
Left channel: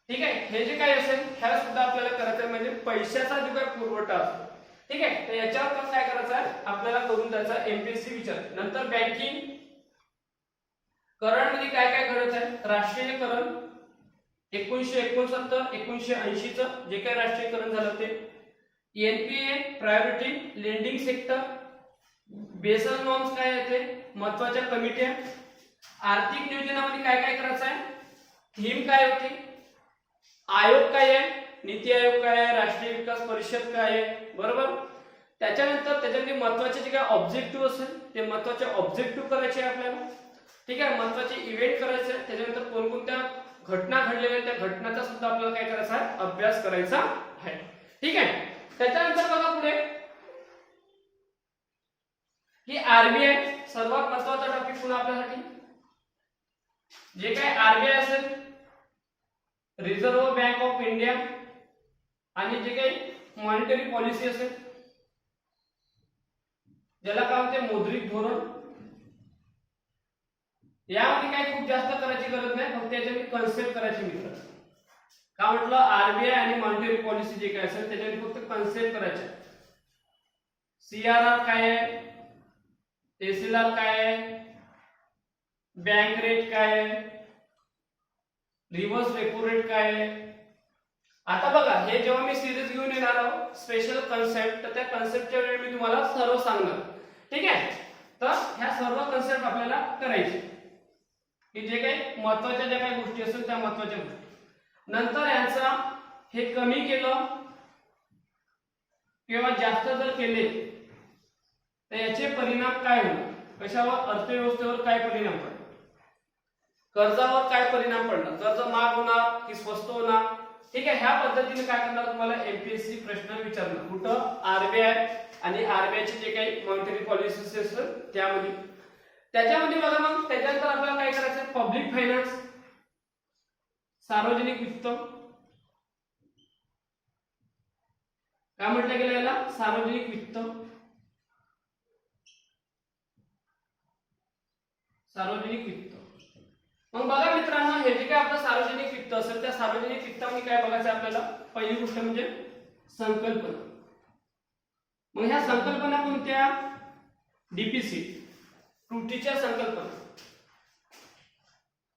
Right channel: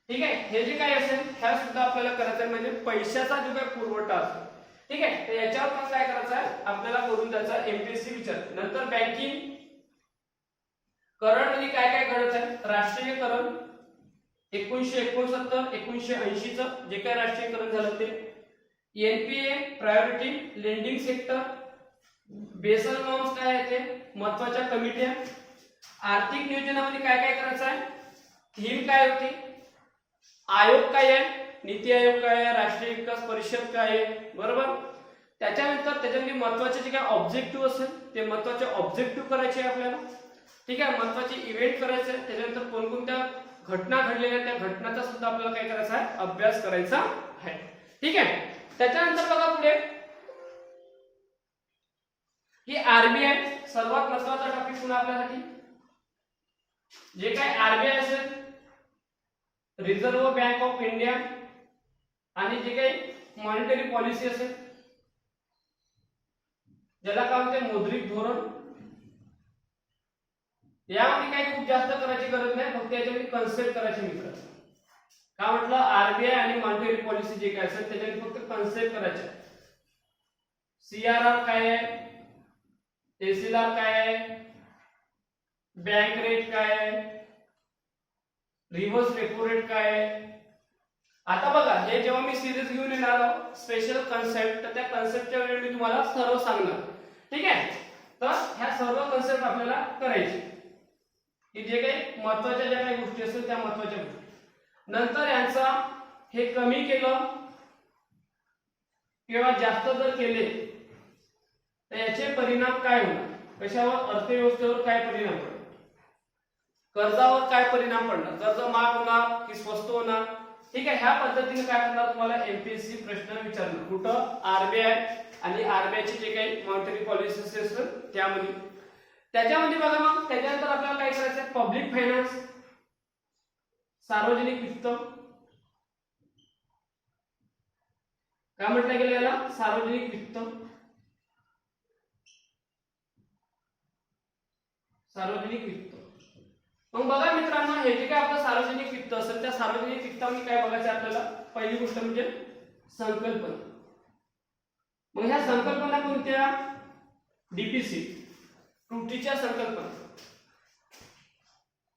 ठीक आहे. हे जे काय असेल ह्या सुद्धा आपल्याला करायचं आहे, म्हणजे पैशाचा जो काय पुरवठा असतो. ठीक आहे. तर याच्यावर पण काय करायचं आहे आपल्याला करून जायचं, एमपीएससी विचार. नंतर बँकिंग करंट मध्ये काय काय घडत आहे, राष्ट्रीयकरण 1969 1980 च जे काही राष्ट्रीयकरण झालं ते, NPA priority lending sector, Basel norms काय आहे ते, महत्वाच्या कमिट्या, आर्थिक नियोजनामध्ये काय काय करायचं आहे, थीम काय होती, आयोग काय आहे, नीती आयोग काय आहे, राष्ट्रीय विकास परिषद काय आहे, बरोबर. त्याच्यानंतर त्याच्यामध्ये महत्वाचे जे काय ऑब्जेक्टिव्ह असेल ते महत्वाचे ऑब्जेक्टिव्ह करायचे आपल्याला. ठीक आहे. महत्वाचे इव्हेंट करायचे, त्याच्यानंतर कोणकोणत्या घटना घडलेल्या त्या घटनांचा सुद्धा आपल्याला काय करायचा आहे, अभ्यास करायचा आहे. ठीक आहे. त्याच्यानंतर बघा पुढे की आरबीआय सर्वात महत्वाचा टॉपिक पुन्हा आपल्यासाठी. जे काय आरबीआय असेल, रिझर्व्ह बँक ऑफ इंडिया, आणि जे काही मॉनिटरी पॉलिसी असेल ज्याला काय म्हणते मौद्रिक धोरण, यामध्ये काही खूप जास्त करायची गरज नाही, फक्त याच्यामध्ये कन्सेप्ट करायचे मित्र. का म्हटलं, आरबीआय आणि मॉनिटरी पॉलिसी जे काय असेल त्याच्यामध्ये फक्त कन्सेप्ट करायचे. सीआरआर काय आहे, एसएलआर काय आहे, बँक रेट काय आहे, रिव्हर्स रेपो रेट काय आहे. आता बघा हे जेव्हा मी सिरीज घेऊन येणार आहोत स्पेशल कन्सेप्ट, तर त्या कन्सेप्टच्या वेळी मी तुम्हाला सर्व सांगणार. ठीक आहे. तर ह्या सर्व कन्सेप्ट आपल्याला करायचे, की जे काही महत्वाच्या ज्या काही गोष्टी असतील त्या महत्वाच्या गोष्टी. नंतर यांचा हे कमी केलं किंवा जास्त जर केले तर याचे परिणाम काय होणार, कशावर, अर्थव्यवस्थेवर काय परिणाम पडणार, कर्जावर काय परिणाम पडणार, कर्ज महाग होणार की स्वस्त होणार. ठीक आहे. ह्या पद्धतीने काय करणार तुम्हाला एमपीएससी प्रश्न विचारणार, कुठं, आरबीआय आणि आरबीआयचे जे काही मॉनिटरी पॉलिसी असेल त्यामध्ये. त्याच्यामध्ये बघा मग त्याच्यानंतर आपल्याला काय करायचं, पब्लिक फायनान्स, सार्वजनिक वित्त. काय म्हटलं गेलं याला? सार्वजनिक वित्त. सार्वजनिक वित्त. मग बघा मित्रांनो, हे जे काय आपलं सार्वजनिक वित्त असेल त्या सार्वजनिक वित्तामध्ये काय बघायचं आपल्याला? पहिली गोष्ट म्हणजे संकल्पना. मग ह्या संकल्पना कोणत्या? डीपीसी, त्रुटीच्या संकल्पना.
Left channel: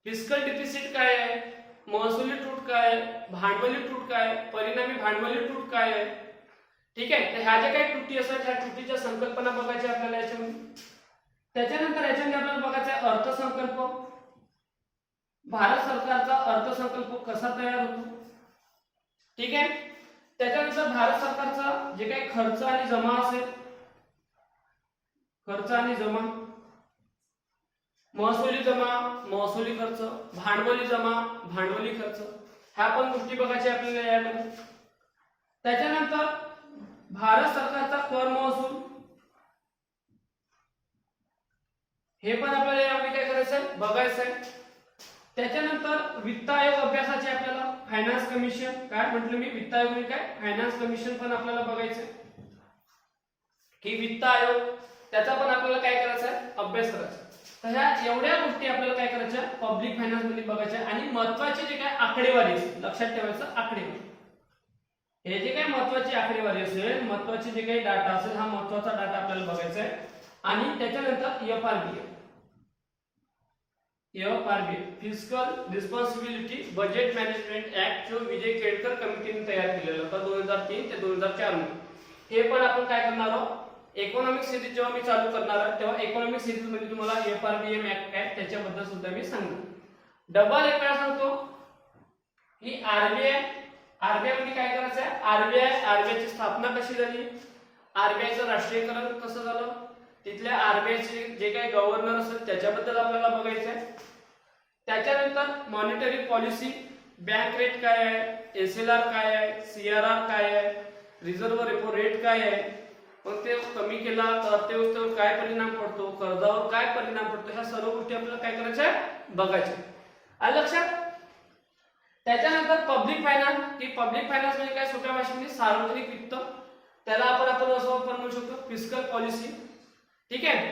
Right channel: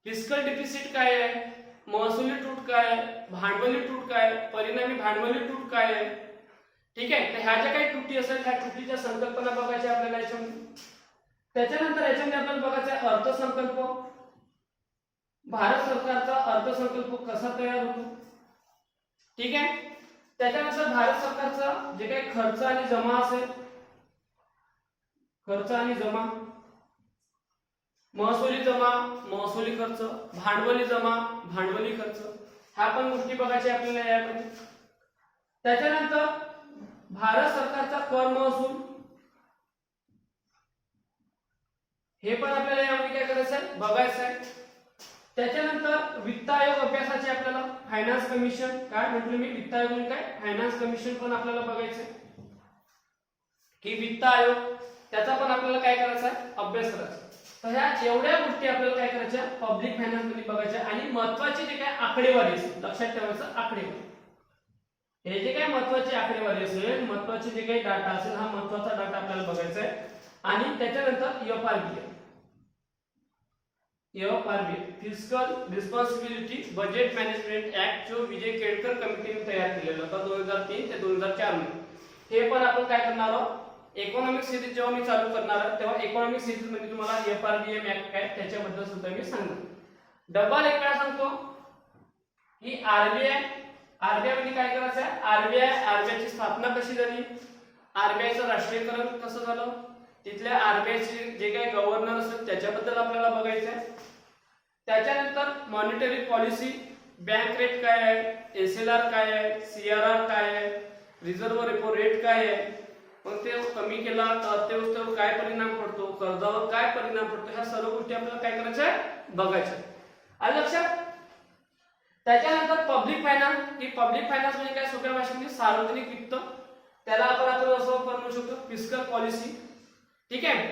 फिस्कल डिफिसिट काय आहे, महसुली तूट काय आहे, भांडवली तूट काय आहे, परिणामी भांडवली तूट काय आहे. ठीक आहे, तर ह्या ज्या काही त्रुटी असतात ह्या त्रुटीच्या संकल्पना बघायच्या आपल्याला याच्यामध्ये. त्याच्यानंतर याच्यामध्ये आपल्याला बघायचा आहे अर्थसंकल्प. भारत सरकारचा अर्थसंकल्प कसा तयार होतो. ठीक आहे, त्याच्यानंतर भारत सरकारचा जे काही खर्च आणि जमा असेल, खर्च आणि जमा, महसुली जमा, महसुली खर्च, भांडवली जमा, भांडवली खर्च, ह्या पण गोष्टी बघायच्या आपल्याला यामध्ये. त्याच्यानंतर भारत सरकारचा कर महसूल, हे पण आपल्याला यामध्ये काय करायचं आहे? बघायचं आहे. त्याच्यानंतर वित्त आयोग अभ्यासाचे आपल्याला फायनान्स कमिशन, काय म्हटलं मी? वित्त आयोग म्हणजे काय? फायनान्स कमिशन पण आपल्याला बघायचं आहे की वित्त आयोग, त्याचा पण आपल्याला काय करायचा आहे? अभ्यास करायचा. तर ह्या एवढ्या गोष्टी आपल्याला काय करायच्या? पब्लिक फायनान्स मध्ये बघायच्या. आणि महत्त्वाचे जे काय आकडेवारी असेल, लक्षात ठेवायचं आकडेवारी. हे जे काय महत्त्वाची आकडेवारी असेल, महत्त्वाचे जे काही डाटा असेल, हा महत्त्वाचा डाटा आपल्याला बघायचा आहे. आणि त्याच्यानंतर FRBM, fiscal responsibility budget management act जो विजय केळकर कमिटीने तयार केलेला होता 2003 ते 2004 मध्ये. हे पण आपण काय करणार आहोत? इकॉनॉमिक सिरीज जेव्हा मी चालू करणार आहे तेव्हा इकॉनॉमिक सिरीज मध्ये तुम्हाला एफआरबीएम ऍक्ट काय त्याच्याबद्दल सुद्धा मी सांगणार. डबल एक वेळा सांगतो की आरबीआय मध्ये काय करायचं आहे? आरबीआयची स्थापना कशी झाली, आरबीआयचं राष्ट्रीयकरण कसं झालं, तिथल्या आरबीआयचे जे काही गव्हर्नर असेल त्याच्याबद्दल आपल्याला बघायचं आहे. त्याच्यानंतर मॉनिटरी पॉलिसी, बँक रेट काय आहे, एसएलआर काय आहे, सीआरआर काय आहे, रिझर्व्ह रेपो रेट काय आहे, मग ते कमी केला तर अर्थव्यवस्थेवर काय परिणाम पडतो, कर्जावर काय परिणाम पडतो, ह्या सर्व गोष्टी आपल्याला काय करायच्या आहे? बघायच्या. आलं लक्षात? त्याच्यानंतर पब्लिक फायनान्स, की पब्लिक फायनान्स म्हणजे काय? सोप्या भाषेमध्ये सार्वजनिक वित्त. त्याला आपण असं पण म्हणू शकतो फिस्कल पॉलिसी. ठीक आहे,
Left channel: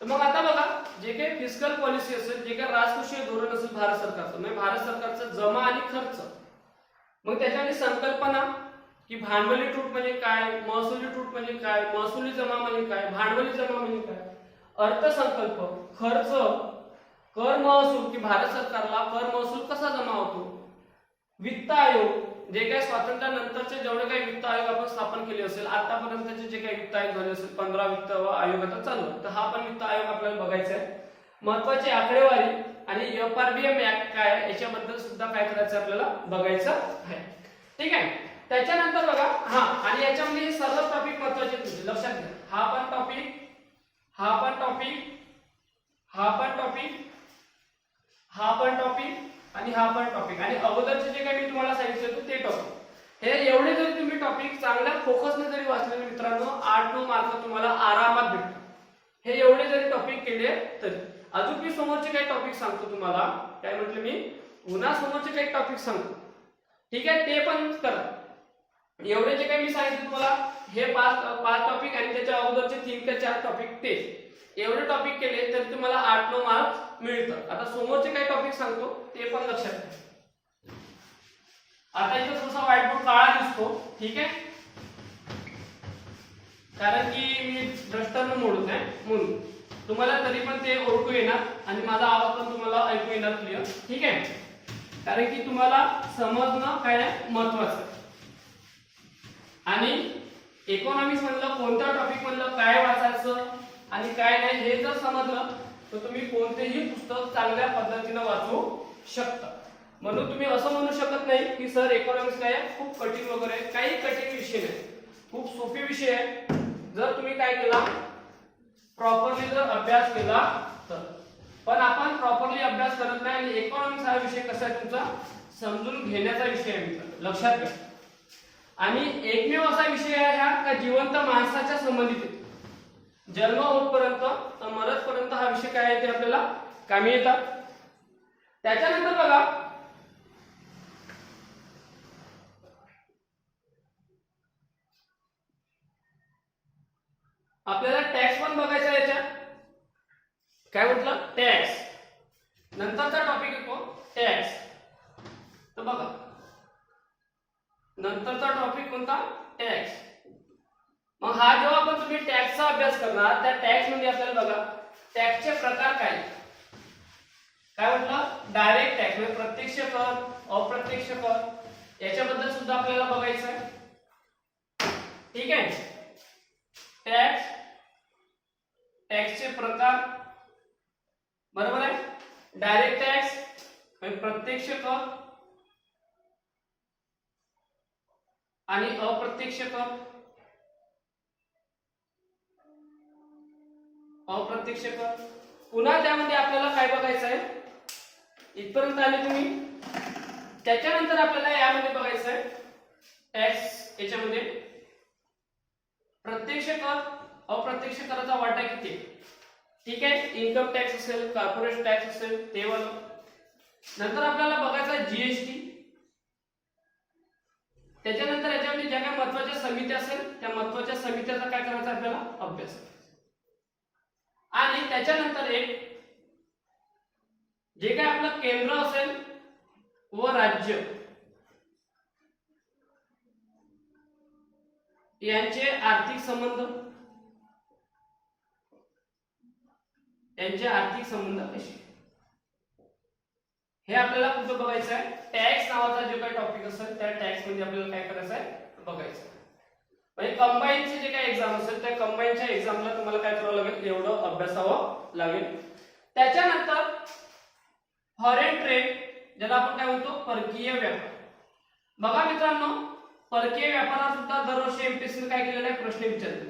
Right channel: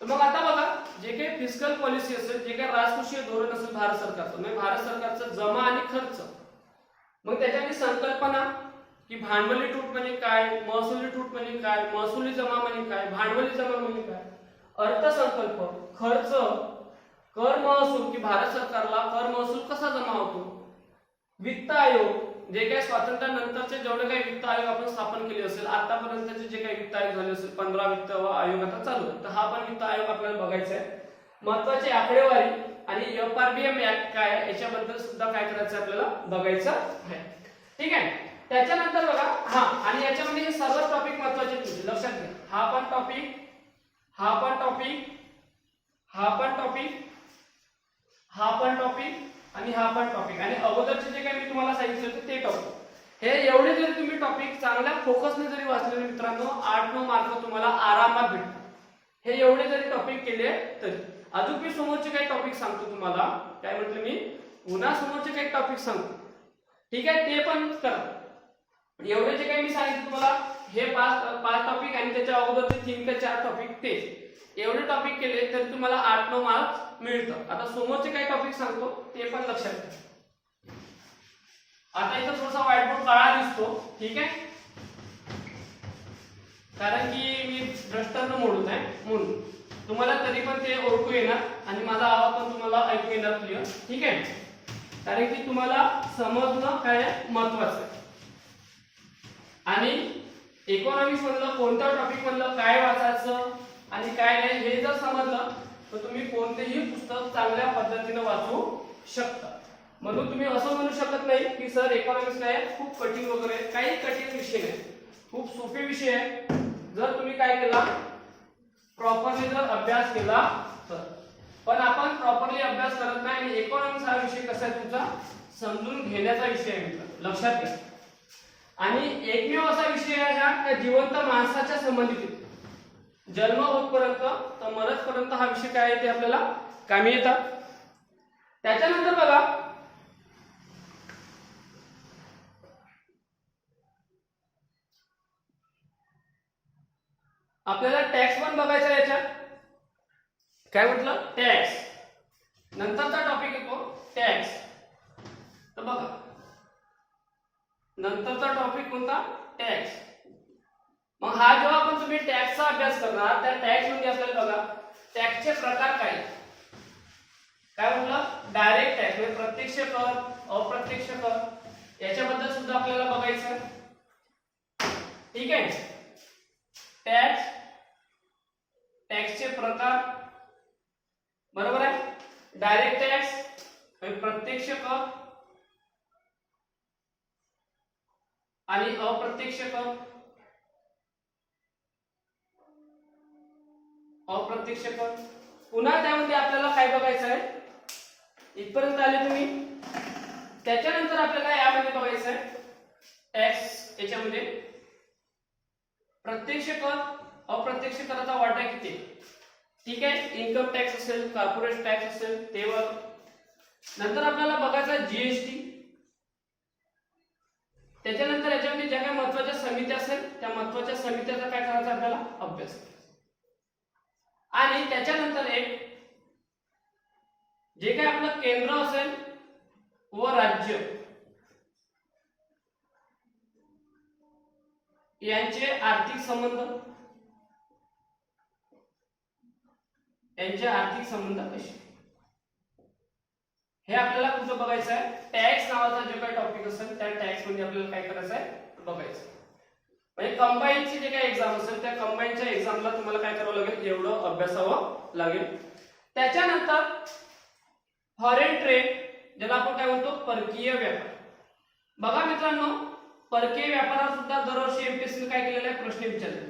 तर मग आता बघा, जे काही फिस्कल पॉलिसी असेल, जे काही राजकोषीय धोरण असेल भारत सरकारचं, म्हणजे भारत सरकारचा जमा आणि खर्च, मग त्याच्यामध्ये संकल्पना की भांडवली तूट म्हणजे काय, महसुली तूट म्हणजे काय, महसुली जमा म्हणजे काय, भांडवली जमा म्हणजे काय, अर्थसंकल्प, खर्च, कर महसूल की भारत सरकारला कर महसूल कसा जमा होतो, वित्त आयोग, जे काही स्वातंत्र्यानंतरचे जेवढे काही वित्त आयोग आपण स्थापन केले असेल, आतापर्यंतचे जे काही वित्त आयोग झाले असेल, 15 वित्त आयोग आता चालू आहे, तर हा पण वित्त आयोग आपल्याला बघायचा आहे. महत्वाची आकडेवारी आणि एफआरबीएम ऍक्ट काय आहे याच्याबद्दल सुद्धा काय करायचं आपल्याला बघायचं आहे. ठीक आहे, त्याच्यानंतर बघा, हा आणि याच्यामध्ये हे सर्व टॉपिक महत्वाचे लक्षात घ्या. हा पण टॉपिक, हा पण टॉपिक, हा पण टॉपिक, हा पण टॉपिक आणि हा पण टॉपिक, आणि अगोदरचे जे काही मी तुम्हाला सांगितलं होतं ते टॉपिक. हे एवढे जरी तुम्ही टॉपिक चांगल्या फोकसने जरी वाचले मित्रांनो, 8-9 मार्क तुम्हाला आरामात भेटतात. हे एवढे जरी टॉपिक केले तरी. अजून मी समोरचे काही टॉपिक सांगतो तुम्हाला. काय म्हटलं मी? पुन्हा समोरचे काही टॉपिक सांगतो. ठीक आहे, ते पण करा. एवढे जे काही मी सांगितलं तुम्हाला, हे 5 टॉपिक आणि त्याच्या अगोदरचे 3 ते 4 टॉपिक, ते एवढे टॉपिक केले तर तुम्हाला 8-9 मार्क्स मिळतात. आता समोरचे काही टॉपिक सांगतो ते पण लक्षात ठेवा. आता इथं थोडासा व्हाईट बोर्ड काळा दिसतो. ठीक आहे, कारण की मी भ्रष्टांना मोडत आहे म्हणून तुम्हाला तरी पण ते ओळखू येणार आणि माझा आवाज पण तुम्हाला ऐकू येणार क्लिअर. ठीक आहे, कारण की तुम्हाला समजणं काय महत्वाचं आहे. आणि इकॉनॉमिक्स मधलं कोणत्या टॉपिक मधलं काय वाचायचं आणि काय नाही हे जर समजलं तर तुम्ही कोणतेही पुस्तक चांगल्या पद्धतीने वाचू शकता. म्हणून तुम्ही असं म्हणू शकत नाही की सर इकॉनॉमिक्स काय खूप कठीण वगैरे, काही कठीण विषय नाही, खूप सोपे विषय आहे. जर तुम्ही काय केला, प्रॉपरली जर अभ्यास केला तर. पण आपण प्रॉपरली अभ्यास करत नाही आणि इकॉनॉमिक्स हा विषय कसा आहे तुमचा समजून घेण्याचा विषय आहे मित्रांनो, लक्षात घ्या. आणि एकमेव असा विषय आहे हा जिवंत माणसाच्या संबंधित आहे. जन्म होतपर्यंत तर मरतपर्यंत हा विषय काय आहे ते आपल्याला कामी येतात. त्याच्यानंतर बघा आपल्याला टॅक्स पण बघायचा आहे याच्यात. काय म्हटलं? टॅक्स. नंतरचा टॉपिक येतो टॅक्स. तर बघा नंतरचा टॉपिक कोणता? टॅक्स. मग हा जेव्हा आपण तुम्ही टॅक्सचा अभ्यास करणार त्या टॅक्स मध्ये आपल्याला बघा टॅक्सचे प्रकार काय काय म्हटलं? डायरेक्ट टॅक्स म्हणजे प्रत्यक्ष कर, अप्रत्यक्ष कर याच्याबद्दल सुद्धा आपल्याला बघायचं आहे. ठीक आहे. टॅक्स, टॅक्सचे प्रकार बरोबर आहे. डायरेक्ट टॅक्स म्हणजे प्रत्यक्ष कर आणि अप्रत्यक्ष कर. अप्रत्यक्ष कर पुन्हा त्यामध्ये आपल्याला काय बघायचं आहे इथपर्यंत आले तुम्ही. त्याच्यानंतर आपल्याला यामध्ये बघायचं आहे टॅक्स याच्यामध्ये प्रत्यक्ष कर अप्रत्यक्ष कराचा वाटा किती. ठीक आहे. इन्कम टॅक्स असेल, कॉर्पोरेट टॅक्स असेल ते वाला. नंतर आपल्याला बघायचं जीएसटी. त्याच्यानंतर याच्यामध्ये ज्या काही महत्त्वाच्या समित्या असेल त्या महत्त्वाच्या समित्याचा काय करायचा आपल्याला अभ्यास. आणि त्याच्यानंतर एक जे काही आपलं केंद्र असेल व राज्य यांचे आर्थिक संबंध, यांचे आर्थिक संबंध कसे हे आपल्याला कुठं बघायचं आहे. टॅक्स नावाचा जो काही टॉपिक असेल त्या टॅक्स मध्ये आपल्याला काय करायचं आहे बघायचं. म्हणजे कंबाईनची जे काही एक्झाम असेल त्या कंबाईनच्या एक्झामला तुम्हाला काय करावं लागेल एवढं अभ्यासावं लागेल. त्याच्यानंतर फॉरेन ट्रेड ज्याला आपण काय म्हणतो परकीय व्यापार. बघा मित्रांनो परकीय व्यापारात सुद्धा दरवर्षी एमपीएससी ने काय केलेला आहे प्रश्न विचारले.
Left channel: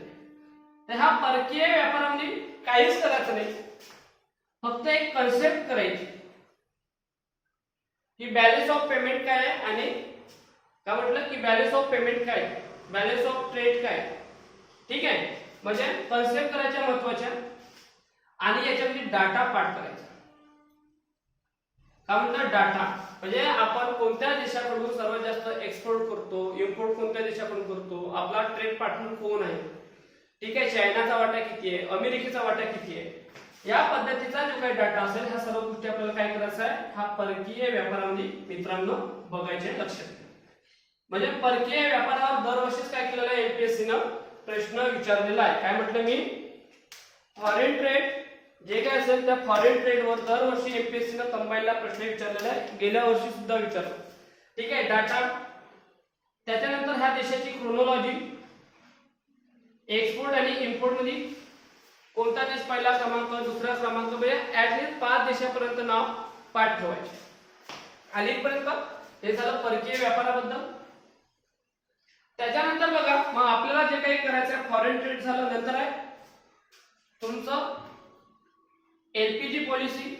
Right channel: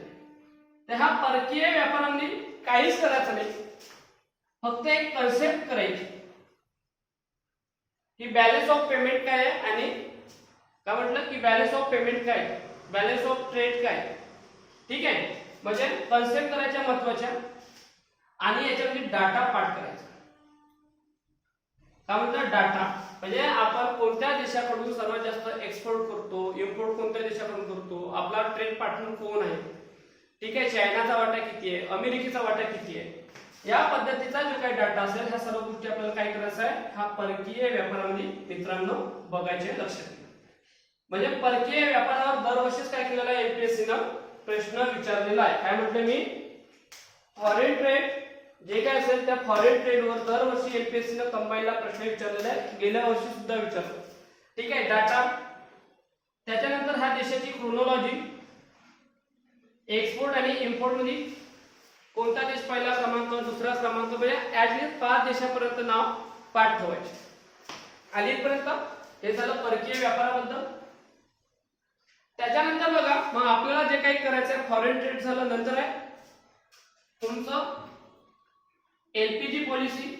तर हा परकीय व्यापारामध्ये काहीच करायचं नाही, फक्त एक कन्सेप्ट करायची की बॅलन्स ऑफ पेमेंट काय आहे आणि काय म्हटलं की बॅलन्स ऑफ पेमेंट काय, बॅलन्स ऑफ ट्रेड काय. ठीक आहे. म्हणजे कन्सेप्ट करायच्या महत्वाच्या आणि याच्यामध्ये डाटा पाठ करायचा. काय म्हणतात डाटा म्हणजे आपण कोणत्या देशाकडून सर्वात जास्त एक्सपोर्ट करतो, इम्पोर्ट कोणत्या देशाकडून करतो, आपला ट्रेड पार्टनर कोण आहे. ठीक आहे. चायनाचा वाटा किती आहे, अमेरिकेचा वाटा किती आहे, या पद्धतीचा जो काही डाटा असेल ह्या सर्व गोष्टी आपल्याला काय करायचं आहे हा परकीय व्यापारामध्ये मित्रांनो बघायचे लक्षात. म्हणजे परकीय व्यापारावर दरवर्षीच काय केलेलं आहे एमपीएससी न प्रश्न विचारलेला आहे. काय म्हटलं मी फॉरेन ट्रेड जे काय असेल त्या फॉरेन ट्रेडवर दरवर्षी एमपीएससी न कंबाईनला प्रश्न विचारलेला आहे. गेल्या वर्षी सुद्धा विचारलं. ठीक आहे. डाटा. त्याच्यानंतर ह्या देशाची क्रोनॉलॉजी, एक्सपोर्ट आणि इम्पोर्ट मध्ये कोणता देश पहिला क्रमांक दुसरा क्रमांक म्हणजे ऍटलीस्ट 5 देशापर्यंत नाव पाठ ठेवायचे. आणि इथपर्यंत हे झालं परकीय व्यापाराबद्दल. त्याच्यानंतर बघा मग आपल्याला जे काही करायचं आहे फॉरेन ट्रेड झालं. नंतर आहे तुमचं LPG policy,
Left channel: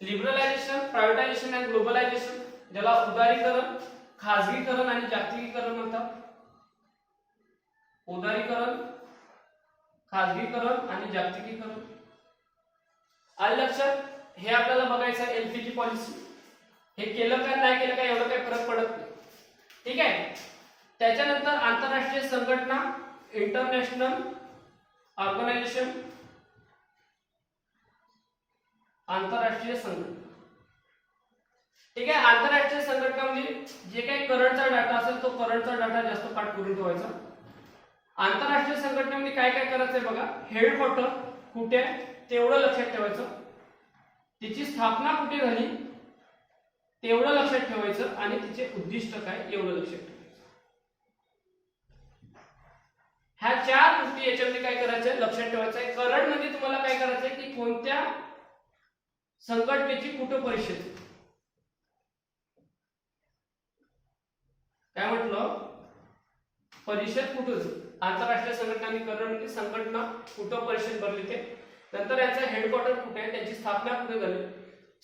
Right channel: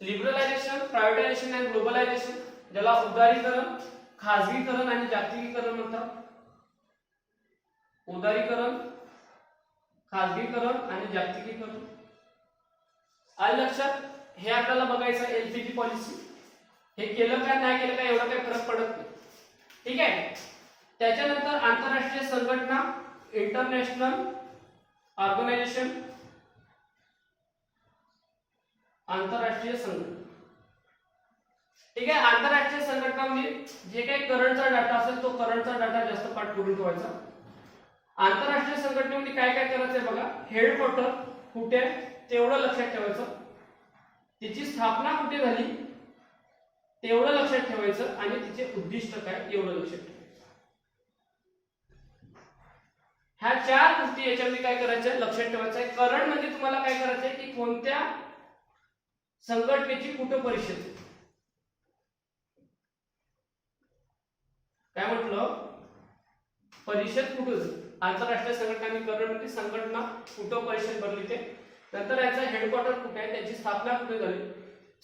liberalisation, privatisation and globalisation ज्याला उदारीकरण, खाजगीकरण आणि जागतिकीकरण म्हणतात. उदारीकरण, खाजगीकरण आणि जागतिकीकरण. आलं लक्षात. हे आपल्याला बघायचं एलपीजी पॉलिसी. हे केलं का नाही केलं का एवढं काही फरक पडत नाही. ठीक आहे. त्याच्यानंतर आंतरराष्ट्रीय संघटना, इंटरनॅशनल ऑर्गनायझेशन, आंतरराष्ट्रीय संघटना. ठीक आहे. आंतरराष्ट्रीय संघटनामध्ये जे काही करंटचा डाटा असेल तो करंटचा डाटा जास्त पाठ करून ठेवायचा. आंतरराष्ट्रीय संघटनेमध्ये काय काय करायचंय बघा. हेडक्वार्टर कुठे तेवढं लक्षात ठेवायचं, तिची स्थापना कुठे झाली तेवढं लक्षात ठेवायचं आणि तिचे उद्दिष्ट काय एवढं लक्षात ठेवायचं. ह्या 4 गोष्टी याच्यामध्ये काय करायचं लक्षात ठेवायचं आहे. करंट मध्ये तुम्हाला काय करायचंय की कोणत्या संघटनेची कुठं परिषद, काय म्हटलं परिषद कुठं झाली. आंतरराष्ट्रीय संघटना आणि करंट संघटना कुठं परिषद भरली ते. नंतर याचं हेडक्वार्टर कुठे आहे, त्यांची स्थापना कुठे झाली,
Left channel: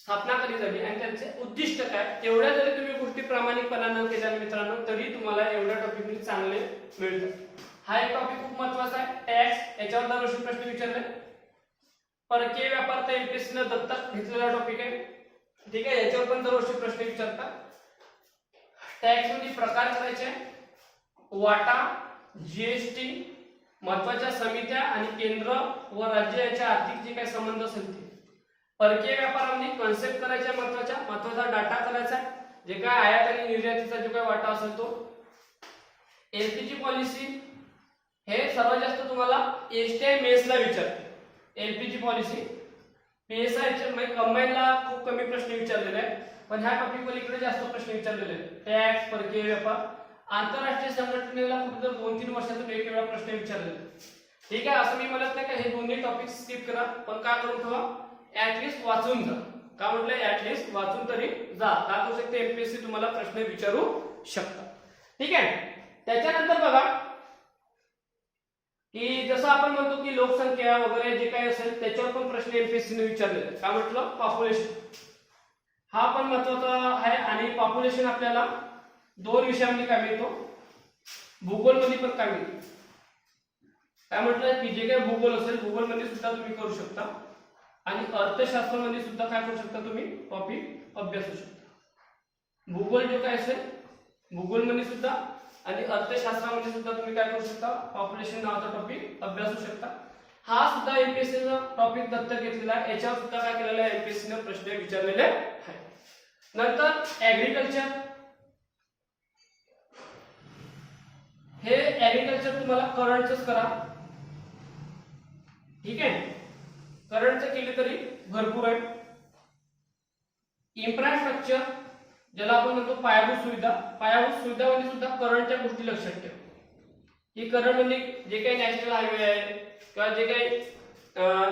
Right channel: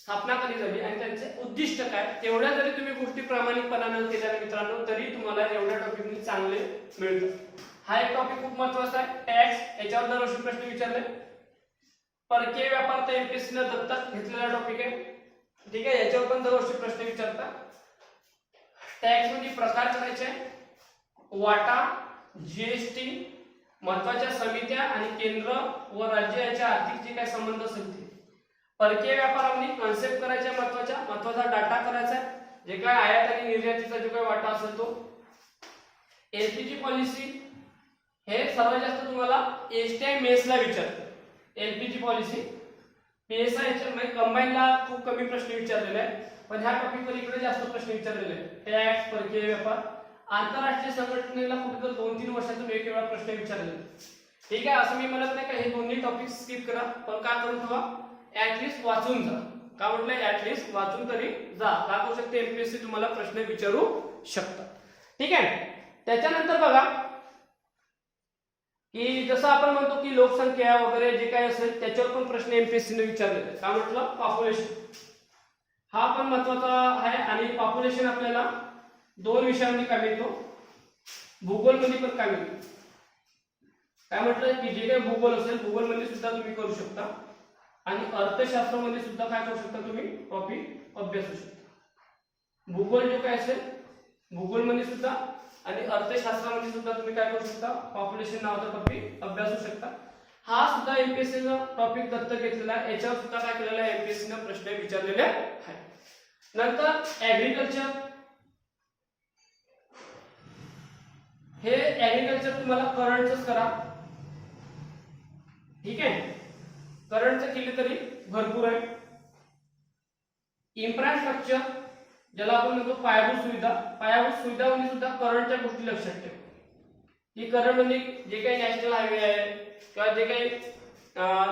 स्थापना कधी झाली आणि त्यांचे उद्दिष्ट काय. एवढ्या जरी तुम्ही गोष्टी प्रामाणिकपणाने केल्या मित्रांनो तरी तुम्हाला एवढ्या टॉपिकमध्ये चांगले मिळतात. हा एक टॉपिक खूप महत्त्वाचा आहे टॅक्स. याच्यावर दरवर्षी प्रश्न विचारले. परकीय व्यापार तर एमपीएससी ने दत्तक घेतलेला टॉपिक आहे, ठीक आहे. याच्यावर पण दरवर्षी प्रश्न विचारतात. टॅक्स मध्ये प्रकार करायचे, वाटा, जीएसटी, महत्वाच्या समित्या आणि केंद्र व राज्य याच्या आर्थिक जे काही संबंध असेल ते. परकीय व्यापारामध्ये कन्सेप्ट करायच्या, महत्वाचा डाटा करायचा, जे काय आयात आणि निर्यातीचा जो काही वाटा असेल तो. एलपीजी पॉलिसी हे सर्वात जास्त तुम्हाला एसटीआय मेसला विचारते. एलपीजी पॉलिसी पीएसआय म्हणजे कंबाईनला खूप कमी प्रश्न विचारलेले आहे, पण ह्या टॉपिक वर इकडे जास्त प्रश्न विचारलेले आहेत. टॅक्स, परकीय व्यापार, आंतरराष्ट्रीय संघटनेला कुठे तर 2-3 वर्षातून एक वेळा प्रश्न विचारलेले. ठीक आहे, असं मी म्हणत नाही का हे दोन्ही टॉपिक स्किप करा, पण का करून ठेवा, ऍटलीस्ट वाचून जा. का म्हटलं ऍटलीस्ट वाचून तरी जा. का करू शकते एमपीएससी तुम्हाला प्रश्न विचारू शकतात. ठीक आहे. त्याच्यानंतर बघा की जसं आपण म्हणतो की लोकसंख्या वगैरे जे काही असेल त्याच्यावर पण प्रश्न एमपीएससी ने विचारलेले आहेत. काय म्हटलं, पॉप्युलेशन हा पण महत्वाचा आहे. आणि पॉप्युलेशन आपल्याला 2 विषयांमध्ये काय मिळतो, भूगोल मध्ये पण काय मिळतो. काय म्हटलं की जे काही भूगोल असेल भूगोल मध्ये सुद्धा तुम्ही करू शकता आणि अर्थशास्त्रामध्ये सुद्धा काय करू शकता तुम्ही टॉपिक अभ्यासू शकता. भूगोल जो काय असेल भूगोल मध्ये सुद्धा आणि अर्थशास्त्रामध्ये सुद्धा तुम्ही काय करू शकता, पॉप्युलेशन नावाचा टॉपिक अभ्यासू शकता. हा सुद्धा एमपीएससी ने टॉपिक दत्तक घेतलेला आहे. याच्यावर सुद्धा काय केलेलं आहे, एमपीएससी ने प्रश्न विचारलेले आहेत. नंतर ऍग्रीकल्चर, हे ऍग्रीकल्चर तुम्हाला करंटच करा. ठीक आहे, करंटच केले तरी भरपूर आहे. इन्फ्रास्ट्रक्चर ज्याला आपण म्हणतो पायाभूत सुविधा, पायाभूत सुविधामध्ये सुद्धा करंटच्या गोष्टी लक्षात ठेवा. की करंट म्हणजे जे काही नॅशनल हायवे आहे किंवा जे काही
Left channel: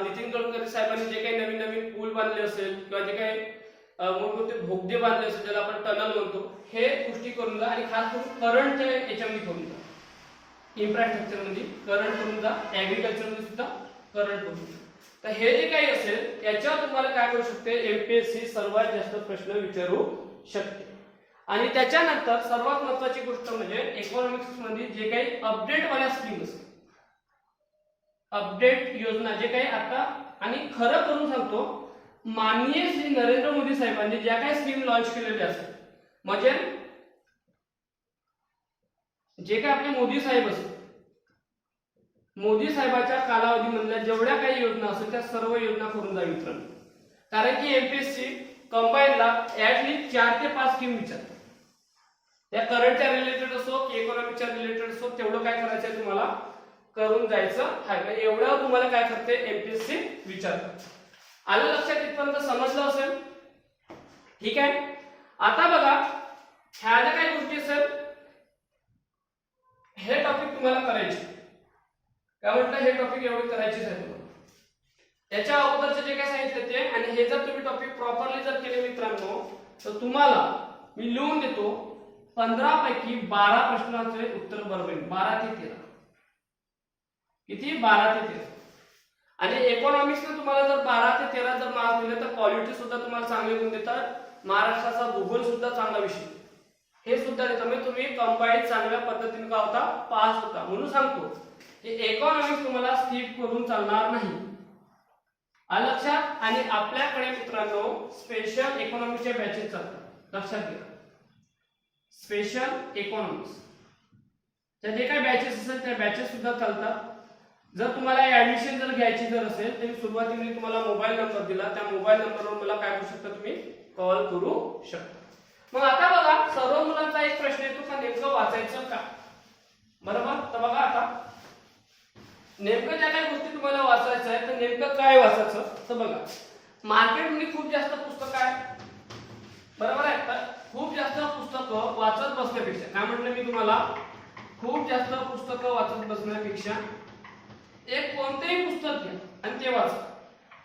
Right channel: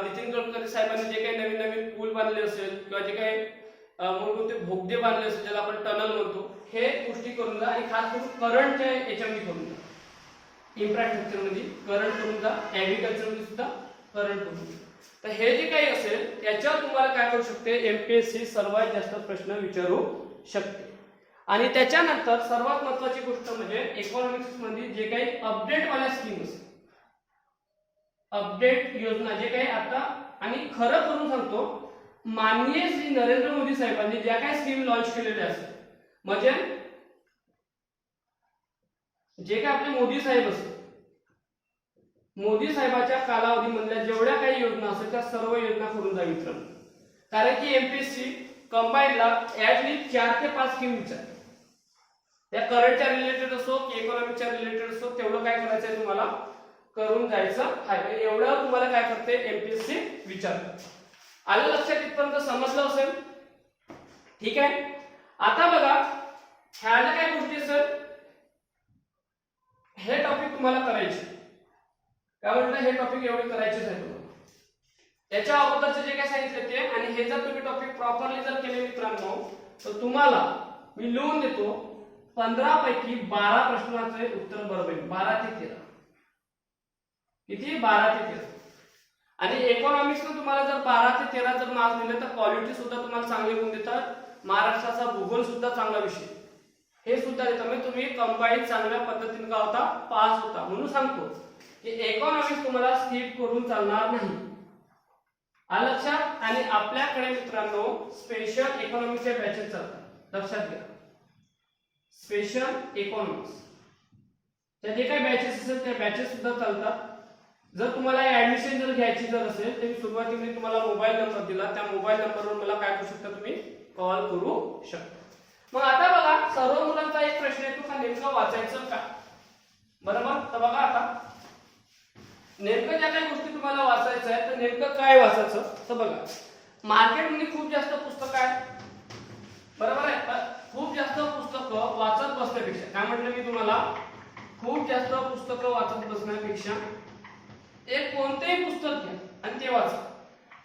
नितीन गडकरी साहेबांनी जे काही नवीन नवीन पूल बांधले असेल किंवा जे काही मोठमोठे बोगदे बांधले असेल ज्याला आपण टनल म्हणतो, हे गोष्टी करून जा. आणि खास करून करंटच्या याच्यामध्ये करून जा. इन्फ्रास्ट्रक्चर मध्ये करंट करून जा, ऍग्रीकल्चर मध्ये सुद्धा करंट करून जा. तर हे जे काही असेल याच्यावर तुम्हाला काय करू शकते, एमपीएससी सर्वात जास्त प्रश्न विचारू शकते. आणि त्याच्यानंतर सर्वात महत्वाची गोष्ट म्हणजे इकॉनॉमिक्स मध्ये जे काही अपडेट वाल्या स्कीम असेल, अपडेट योजना जे काही आता, आणि खरं करून सांगतो माननीय श्री नरेंद्र मोदी साहेबांनी ज्या काही स्कीम लॉन्च केलेल्या असतात, म्हणजे जे काही आपले मोदी साहेब असतात, मोदी साहेबाच्या कालावधीमधल्या जेवढ्या काही योजना असतात त्या सर्व योजना करून जा मित्रांनो. कारण की एमपीएससी कंबाईनला ऍटलीस्ट 4 ते 5 स्कीम विचारते. त्या करंटच्या रिलेटेड असो की इकॉनॉमिकच्या रिलेटेड असो, तेवढं काय करायचंय तुम्हाला करून जायचं आहे. एवढं तुम्हाला काय करते एमपीएससी विचारते. आलं लक्षात, इथपर्यंत समजलं असेल. ठीक आहे. आता बघा ह्या ज्या काही गोष्टी असेल हे टॉपिक तुम्हाला करायचे. काय म्हटलं, हे टॉपिक एवढे करायचेच आहे तुम्हाला. त्याच्या अगोदरचे जे काय सांगितले ते, आणि हे जर तुम्ही टॉपिक प्रॉपरली जर केले मित्रांनो तर तुम्हाला मी लिहून देतो 15 पैकी 12 प्रश्नांचे उत्तर बरोबर आहे. 12 ते 13. किती? 12 ते 13. आणि इकॉनॉमिक्स मध्ये तुम्हाला जर 12 ते 13 जर मार्क्स दिले तर क्वालिटी सुद्धा तुम्हाला चांगली गुण देतात. महाराष्ट्राचा भूगोल सुद्धा चांगला विषय हे सुद्धा देतात. म्हणजे तुम्ही कंबाईन चांगल्या पद्धतीने का होता पास होता. म्हणून सांगतो की इकॉनॉमिक्स तुम्हाला स्किप करून चालणार नाही. आलं लक्षात. आणि आपल्याकडे मित्रांनो स्पेशल इकॉनॉमिक्सच्या बॅचेस चालतात, लक्षात घ्या. स्पेशल इकॉनॉमिक्स त्या जे काही बॅचेस असेल त्या बॅचेस सुद्धा चालतात. जर तुम्हाला ऍडमिशन जर घ्यायची जर असेल तर सुरुवातीला तुम्हाला मोबाईल नंबर दिला, त्या मोबाईल नंबरवर मला काय करू शकता, तुम्ही कॉल करू शकता. मग आता बघा सर्व मुलांचा एक प्रश्न येतो का नेमकं वाचायचं का, बरोबर. तर बघा आता नेमकं ज्या काही गोष्टी तुम्हाला वाचायचं आहे तर नेमकं काय वाचायचं, तर बघा मार्केटमध्ये खूप जास्त पुस्तकं आहे, बरोबर आहे. तर खूप जास्त पुस्तकं वाचत बसण्यापेक्षा काय म्हटलं मी तुम्हाला, खूप जास्त पुस्तकं वाचत बसण्यापेक्षा एक कोणतेही पुस्तक घ्या आणि ते वाचा.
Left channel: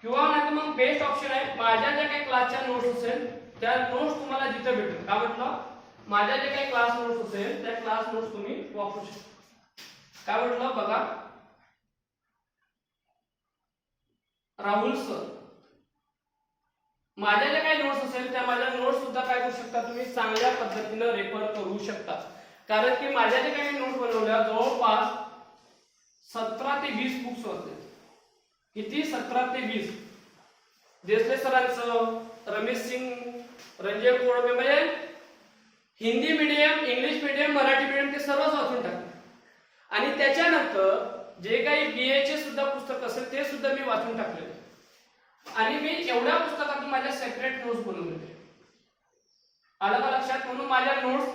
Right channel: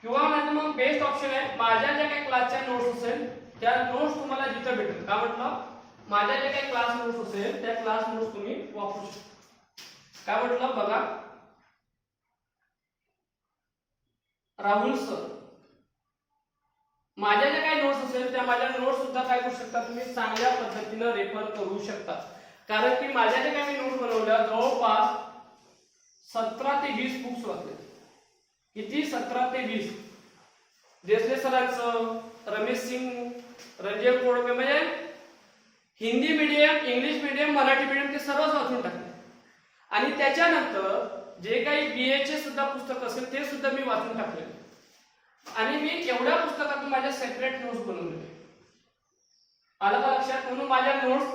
किंवा नाही मग बेस्ट ऑप्शन आहे माझ्या ज्या काही क्लासच्या नोट्स असेल त्या नोट्स तुम्हाला जिथे भेटेल. काय म्हटलं, माझ्या ज्या काही क्लास नोट्स असेल त्या क्लास नोट्स तुम्ही वापरू शकता. काय म्हटलं बघा, राहुल सर माझ्या ज्या काही नोट्स असेल त्या माझ्या नोट्स सुद्धा काय करू शकता, तुम्ही चांगल्या पद्धतीने रेफर करू शकता. कारण की माझ्या ज्या काही नोट्स बनवल्या जवळपास 17 ते 20 बुक्स वाचले. किती? 17 ते 20. देसले सरांचं, रमेश सिंग, रंजय कोळमे, म्हणजे Hindi medium, English medium, Marathi medium ते सर्वच वाचून टाकले. आणि त्याच्यानंतर जे काही बीएचे सुद्धा पुस्तक असेल ते सुद्धा मी वाचून टाकले. आणि मी एवढ्या पुस्तकातून माझ्या सेपरेट नोट्स बनवले. आलं का लक्षात? म्हणून माझ्या नोट्स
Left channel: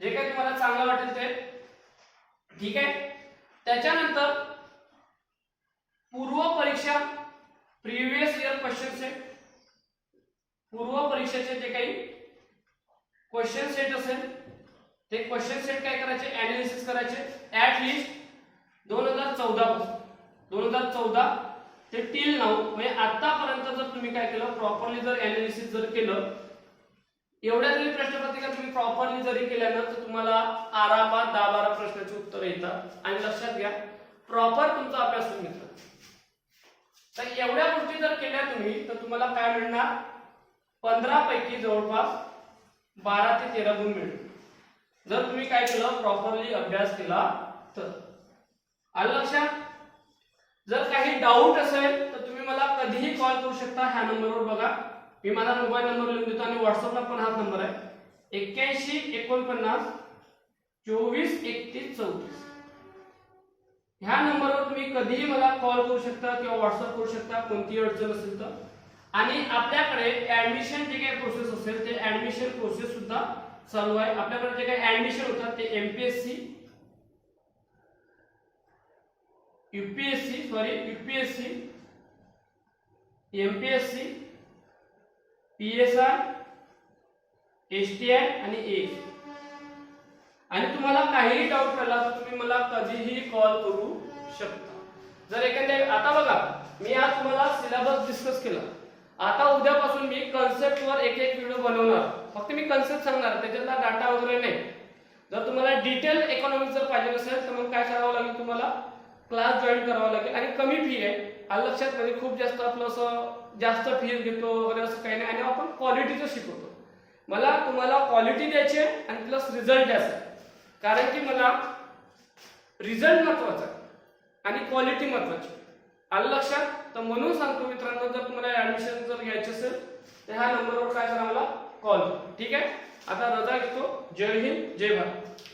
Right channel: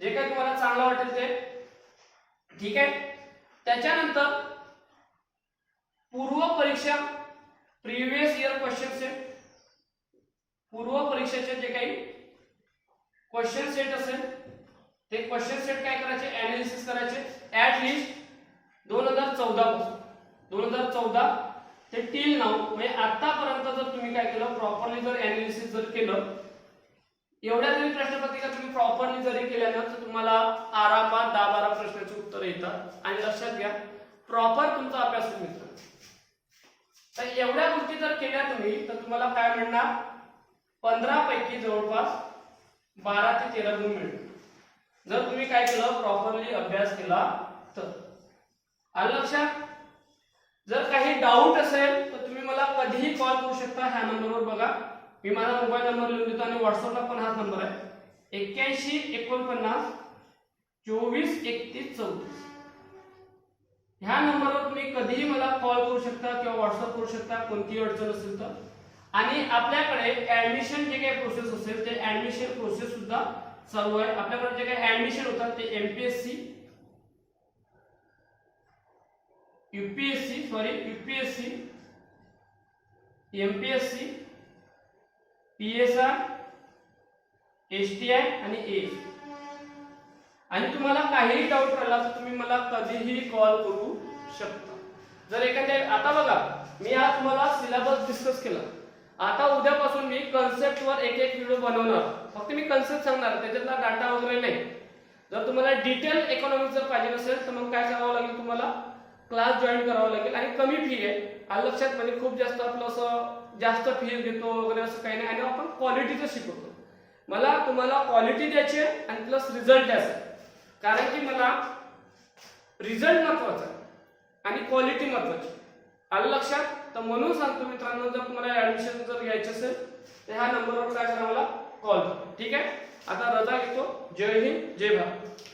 जे काही तुम्हाला चांगलं वाटेल ते, ठीक आहे. त्याच्यानंतर पूर्व परीक्षा, प्रिव्हियस इयर क्वेश्चन सेट, पूर्व परीक्षेचे जे काही क्वेश्चन सेट असेल ते क्वेश्चन सेट काय करायचे, अनालिसिस करायचे. ऍट लिस्ट 2014 पासून 2014 ते टिल नाउ, म्हणजे आतापर्यंत जर तुम्ही काय केलं, प्रॉपरली जर अनालिसिस जर केलं, एवढ्या जरी प्रश्नपत्रिका तुम्ही प्रॉपरली जरी केल्या ना, तर तुम्हाला आरामात 10-12 प्रश्नाची उत्तर येतात. आणि लक्षात घ्या, प्रॉपर तुमचा अभ्यास तुम्ही करा. तर एवढ्या गोष्टी जर केल्या तुम्ही, तर तुम्हाला काय मिळणार, 15 पैकी जवळपास 12 ते 13 गुण मिळतील. जर तुम्ही काय केलं, प्रॉपरली अभ्यास केला तर. आलं लक्षात? जर काही डाऊट असेल तर तुम्ही मला कधीही कॉल करू शकता. ह्या नंबरवर बघा, मी माझा मोबाईल नंबर लिहून देतो आणि व्हॉट्सअपला पण हाच नंबर आहे, 81 49 24 31 34. ह्या नंबरवर तुम्ही कधीही मला कॉल करू शकता किंवा व्हॉट्सअप करू शकता, कोणतीही अडचण असेल तर. आणि आपल्याकडे ऍडमिशन जे काही प्रोसेस असेल ते ऍडमिशन प्रोसेस सुद्धा चालू आहे. आपल्याकडे जे काही ऍडमिशन होतात ते MPSC, UPSC, MPSC, PSI, STI आणि ए. आणि तुम्हाला काहीही डाऊट राहिला तर तुम्ही मला कधीही कॉल करू शकता. जर एखाद्या, आता बघा मी आज तुम्हाला सिलेबस डिस्कस केला, आता उद्यापासून मी कन्सेप्टवर एक व्हिडिओ बनवणार. फक्त मी कन्सेप्ट सांगणार, त्याच्यातला डाटा वगैरे नाही. जर तुम्हाला डिटेल इकॉनॉमिक्स जर पाहिजे असेल तर मग काय करावं लागेल, तुम्हाला क्लास जॉईन करावा लागेल. आणि कमी फी आहे, आलं लक्षात? म्हणजे खूप जास्त आपलं असं जास्त फी घेतो वगैरे असं काही नाही. आणि आपण क्वालिटीचं शिकवतो. मला तुम्हाला क्वालिटी द्यायची आहे आणि प्लस रिझल्ट द्यायचा आहे. कारण की मला रिझल्ट महत्वाचा आहे आणि क्वालिटी महत्वाची. आलं लक्षात? तर म्हणून सांगतो मित्रांनो, जर तुम्हाला ऍडमिशन जर घ्यायची असेल तर ह्या नंबरवर काय करा, मला कॉल करा. ठीक आहे. आता रजा घेतो. जय हिंद, जय भारत.